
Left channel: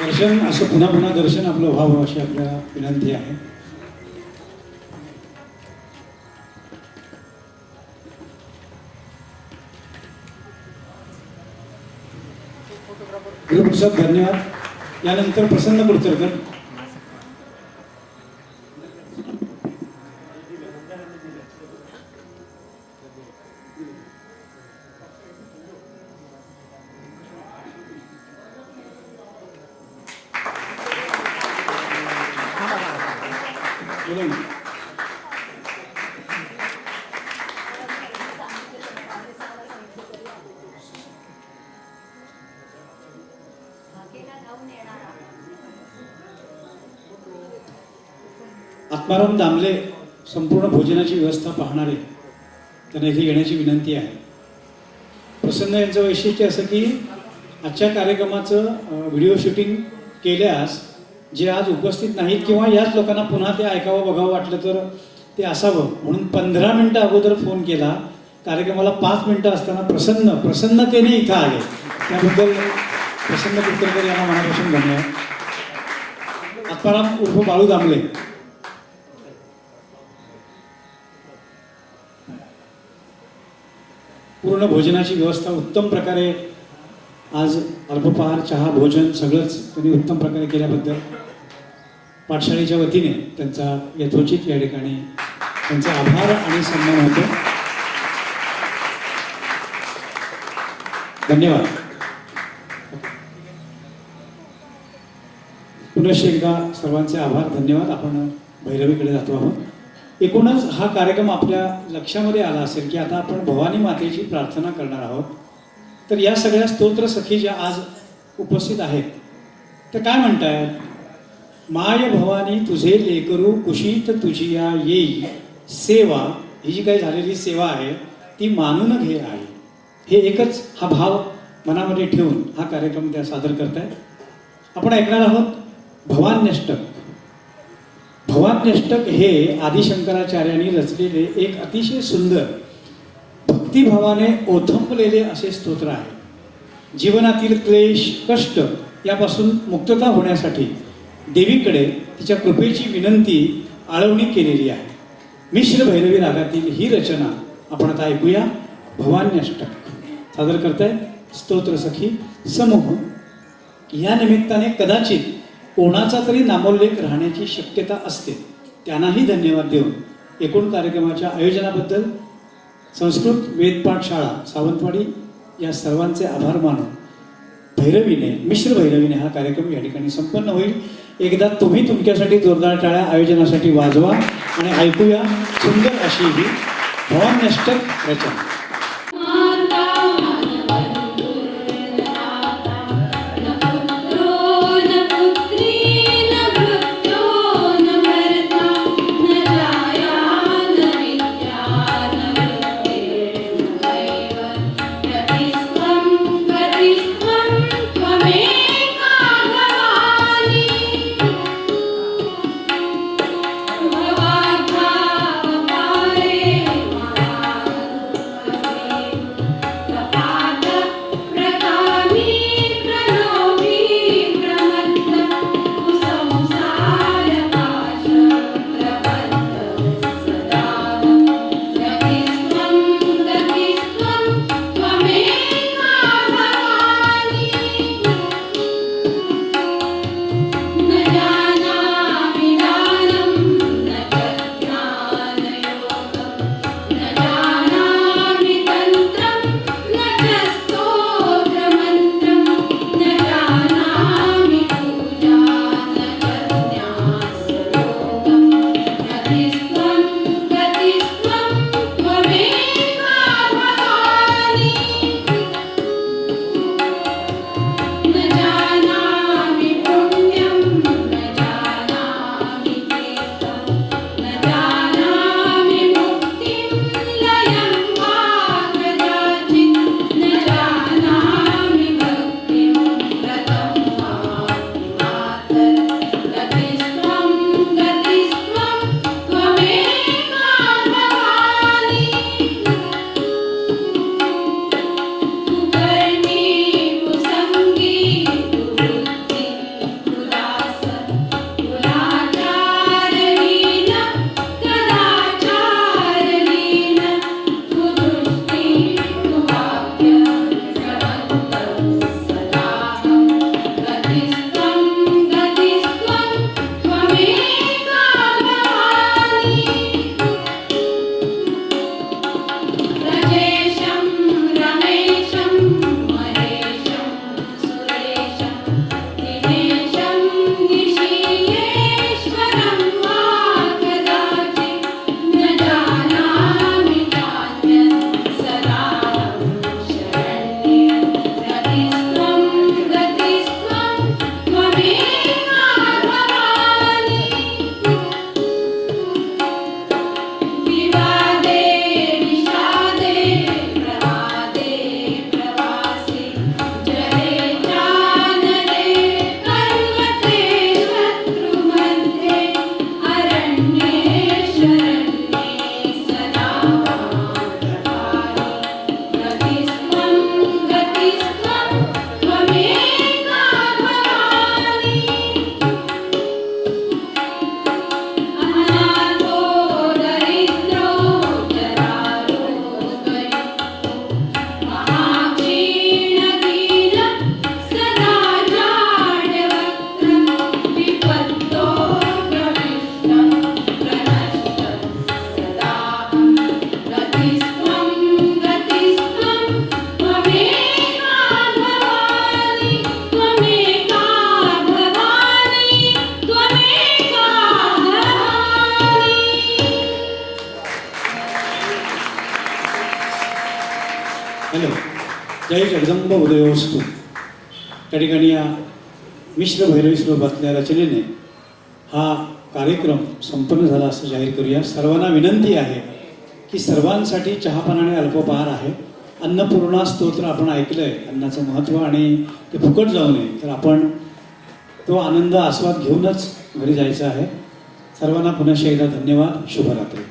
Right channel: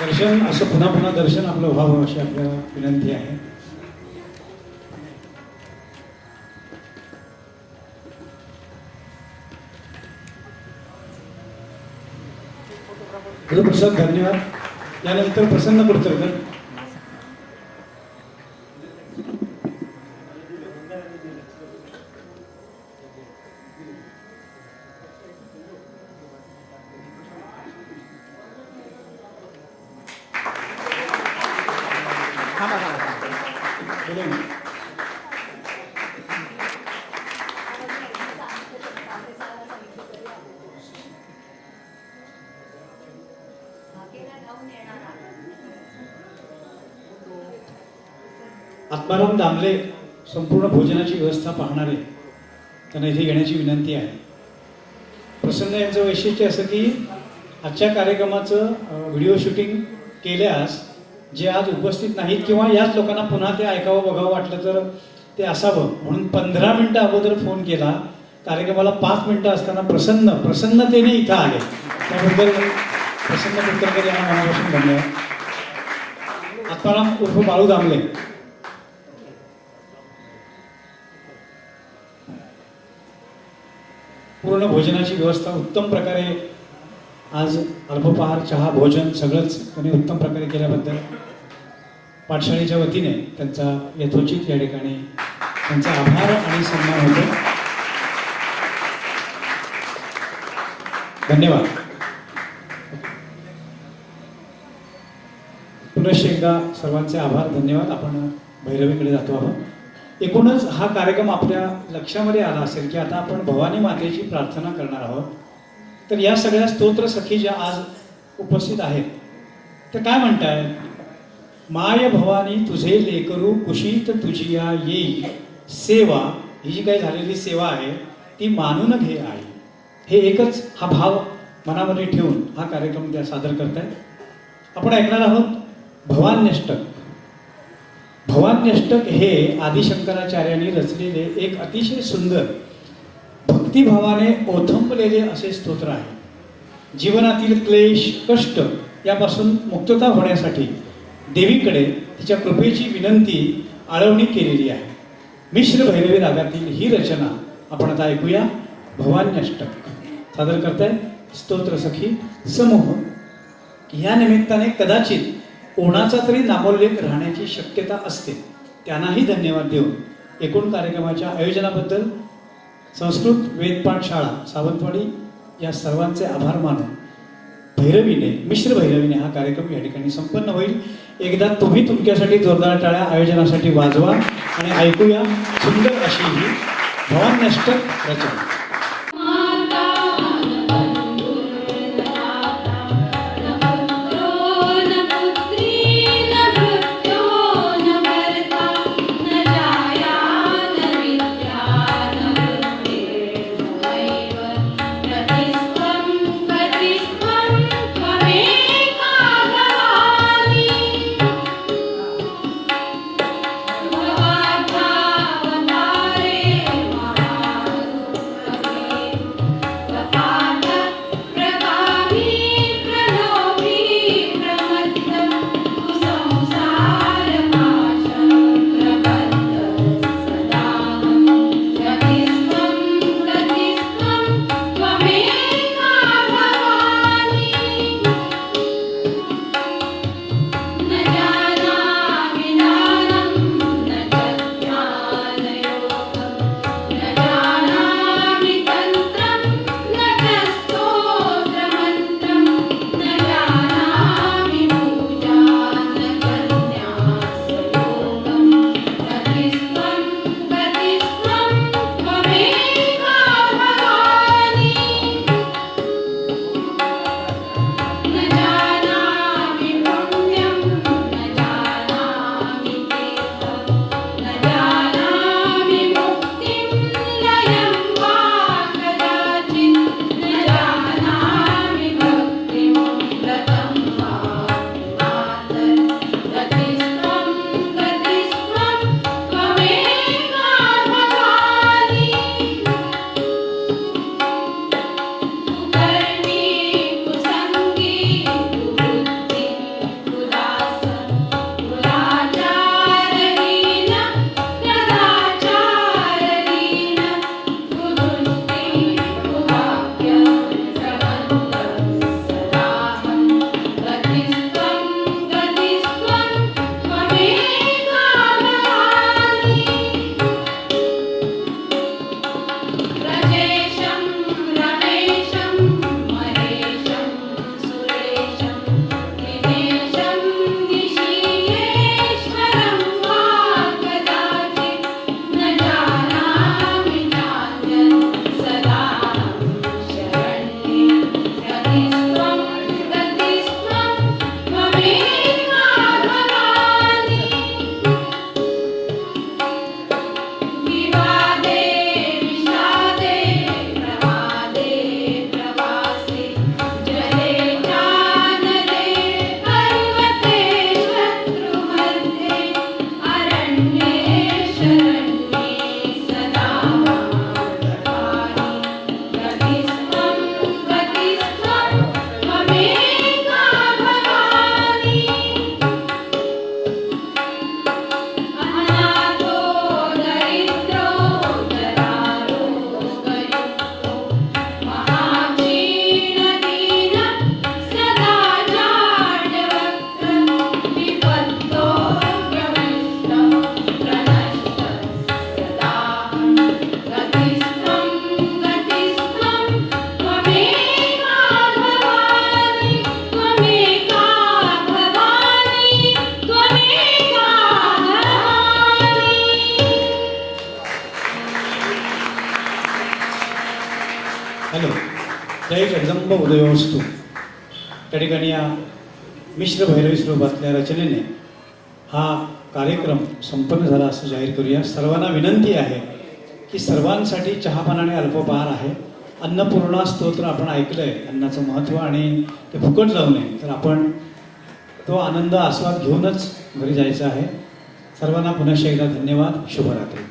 दर्शन असं पुन्हा पुन्हा दर्शन आपलं व्हावं अशी आपल्याला विनंती आहे. गुरुप्रसाद धन्यवाद. यानंतर प्रसन्न कुडतरकर. आत्माराम दामले संपूर्ण भोजनाची व्यवस्था पाहणारे, त्यांना इथे येण्याची विनंती आहे. प्रसन्न यांचं वैशिष्ट्य असं की आजच्या कार्यक्रमाचं व्हिडिओ शूटिंग केल्यास जे आज उपस्थित नाहीत किंवा याच लोकांना पुन्हा ते ऐकावं बघावं वाटलं तर ते असावं म्हणून 15 मिनिटं अगोदर फोन केला. कार्यक्रमाला 5 मिनिटं असताना प्रसन्नतेने इथं आले. त्याबद्दल प्रसन्न कुलकर्णी यांना मनापासून धन्यवाद. आत्माराम उर्फ बाळू दामले. पूर्ण भोजनाची व्यवस्था उत्तम प्रकारे आज अल्पपहार, चहा, भोजन सगळंच त्यांनी उत्तम प्रकारे केल्याबद्दल पाठशाळेच्या वतीने त्यांचा यथोचित या ठिकाणी त्यांचा आभार आणि सन्मान होतो. धन्यवाद. पुनश्च एकदा सर्वांचे आभार, धन्यवाद. आपण भैरवीकडे जातो आहोत. एकूणच हा कार्यक्रम आपल्या लक्षामध्ये आला असेल की आता आपण भवानी मातेची प्रार्थना करणार आहोत. तर या सगळ्या स्तोत्र सखी ज्या आज उपस्थित आहेत तर काय म्हणतायत? माय भवानी तुझे लेकरू कुशीत तुझी या येई सेवा. ही जी काही झालेली सेवा आहे ती मानून घे आहे. हे एकच हा भाव मनामध्ये ठेवून हा कार्यक्रम त्या सादर करतायत. आपण ऐकणार आहोत भवान्यष्टक. भवान्यष्टक हे आदिशंकराचार्यांनी रचलेले एक अतिशय सुंदर भक्तिभावाने ओथंबलेले असे स्तोत्र आहे. जीवनातील क्लेश कष्ट यापासून मुक्तता होण्यासाठी देवीकडे तिच्या कृपेची विनंती आळवणी केलेली आहे. मिश्र भैरवी रागातील ही रचना आपण आता ऐकूया. भवान्यष्टक सादर करताय स्तोत्र सखी समूह. या निमित्ताने कदाचित कोणाचा तरी नामोल्लेख राहण्याची शक्यता असते. त्यांनाही धन्यवाद देऊन एकूण कार्यक्रमाच्या आयोजनाबद्दल संस्कृत वेदपाठ शाळा सावंतवाडी या सर्वांचे आभार मानून भैरवीने मिश्र भैरवीने हा कार्यक्रम या ठिकाणी संपन्न होईल. एकदा तुम्ही तुमच्यासाठी जोरदार टाळ्या आयोजनासाठी वाजवा आणि ऐकूया सुंदर अशी ही भवान्यष्टक रचना. जय जगदंब उदयोस्तु. त्या ठिकाणी या मिश्र भैरवी स्वरूपातल्या रचनेने हा कार्यक्रम संपन्न झाला असं जाहीर करूया. सर्वांना विनंती आहे की सर्वांसाठी चहापान आणि अल्पपहार आहे. अन्नपूर्णा स्तोत्र आपण ऐकलंय, अन्नाचं महत्त्व, आणि ते फुकट जाऊ नये, तर आपण तो आनंद आस्वाद घेऊनच घरी जायचं आहे. सर्वांना पुन्हा एकदा धन्यवाद. शुभरात्री.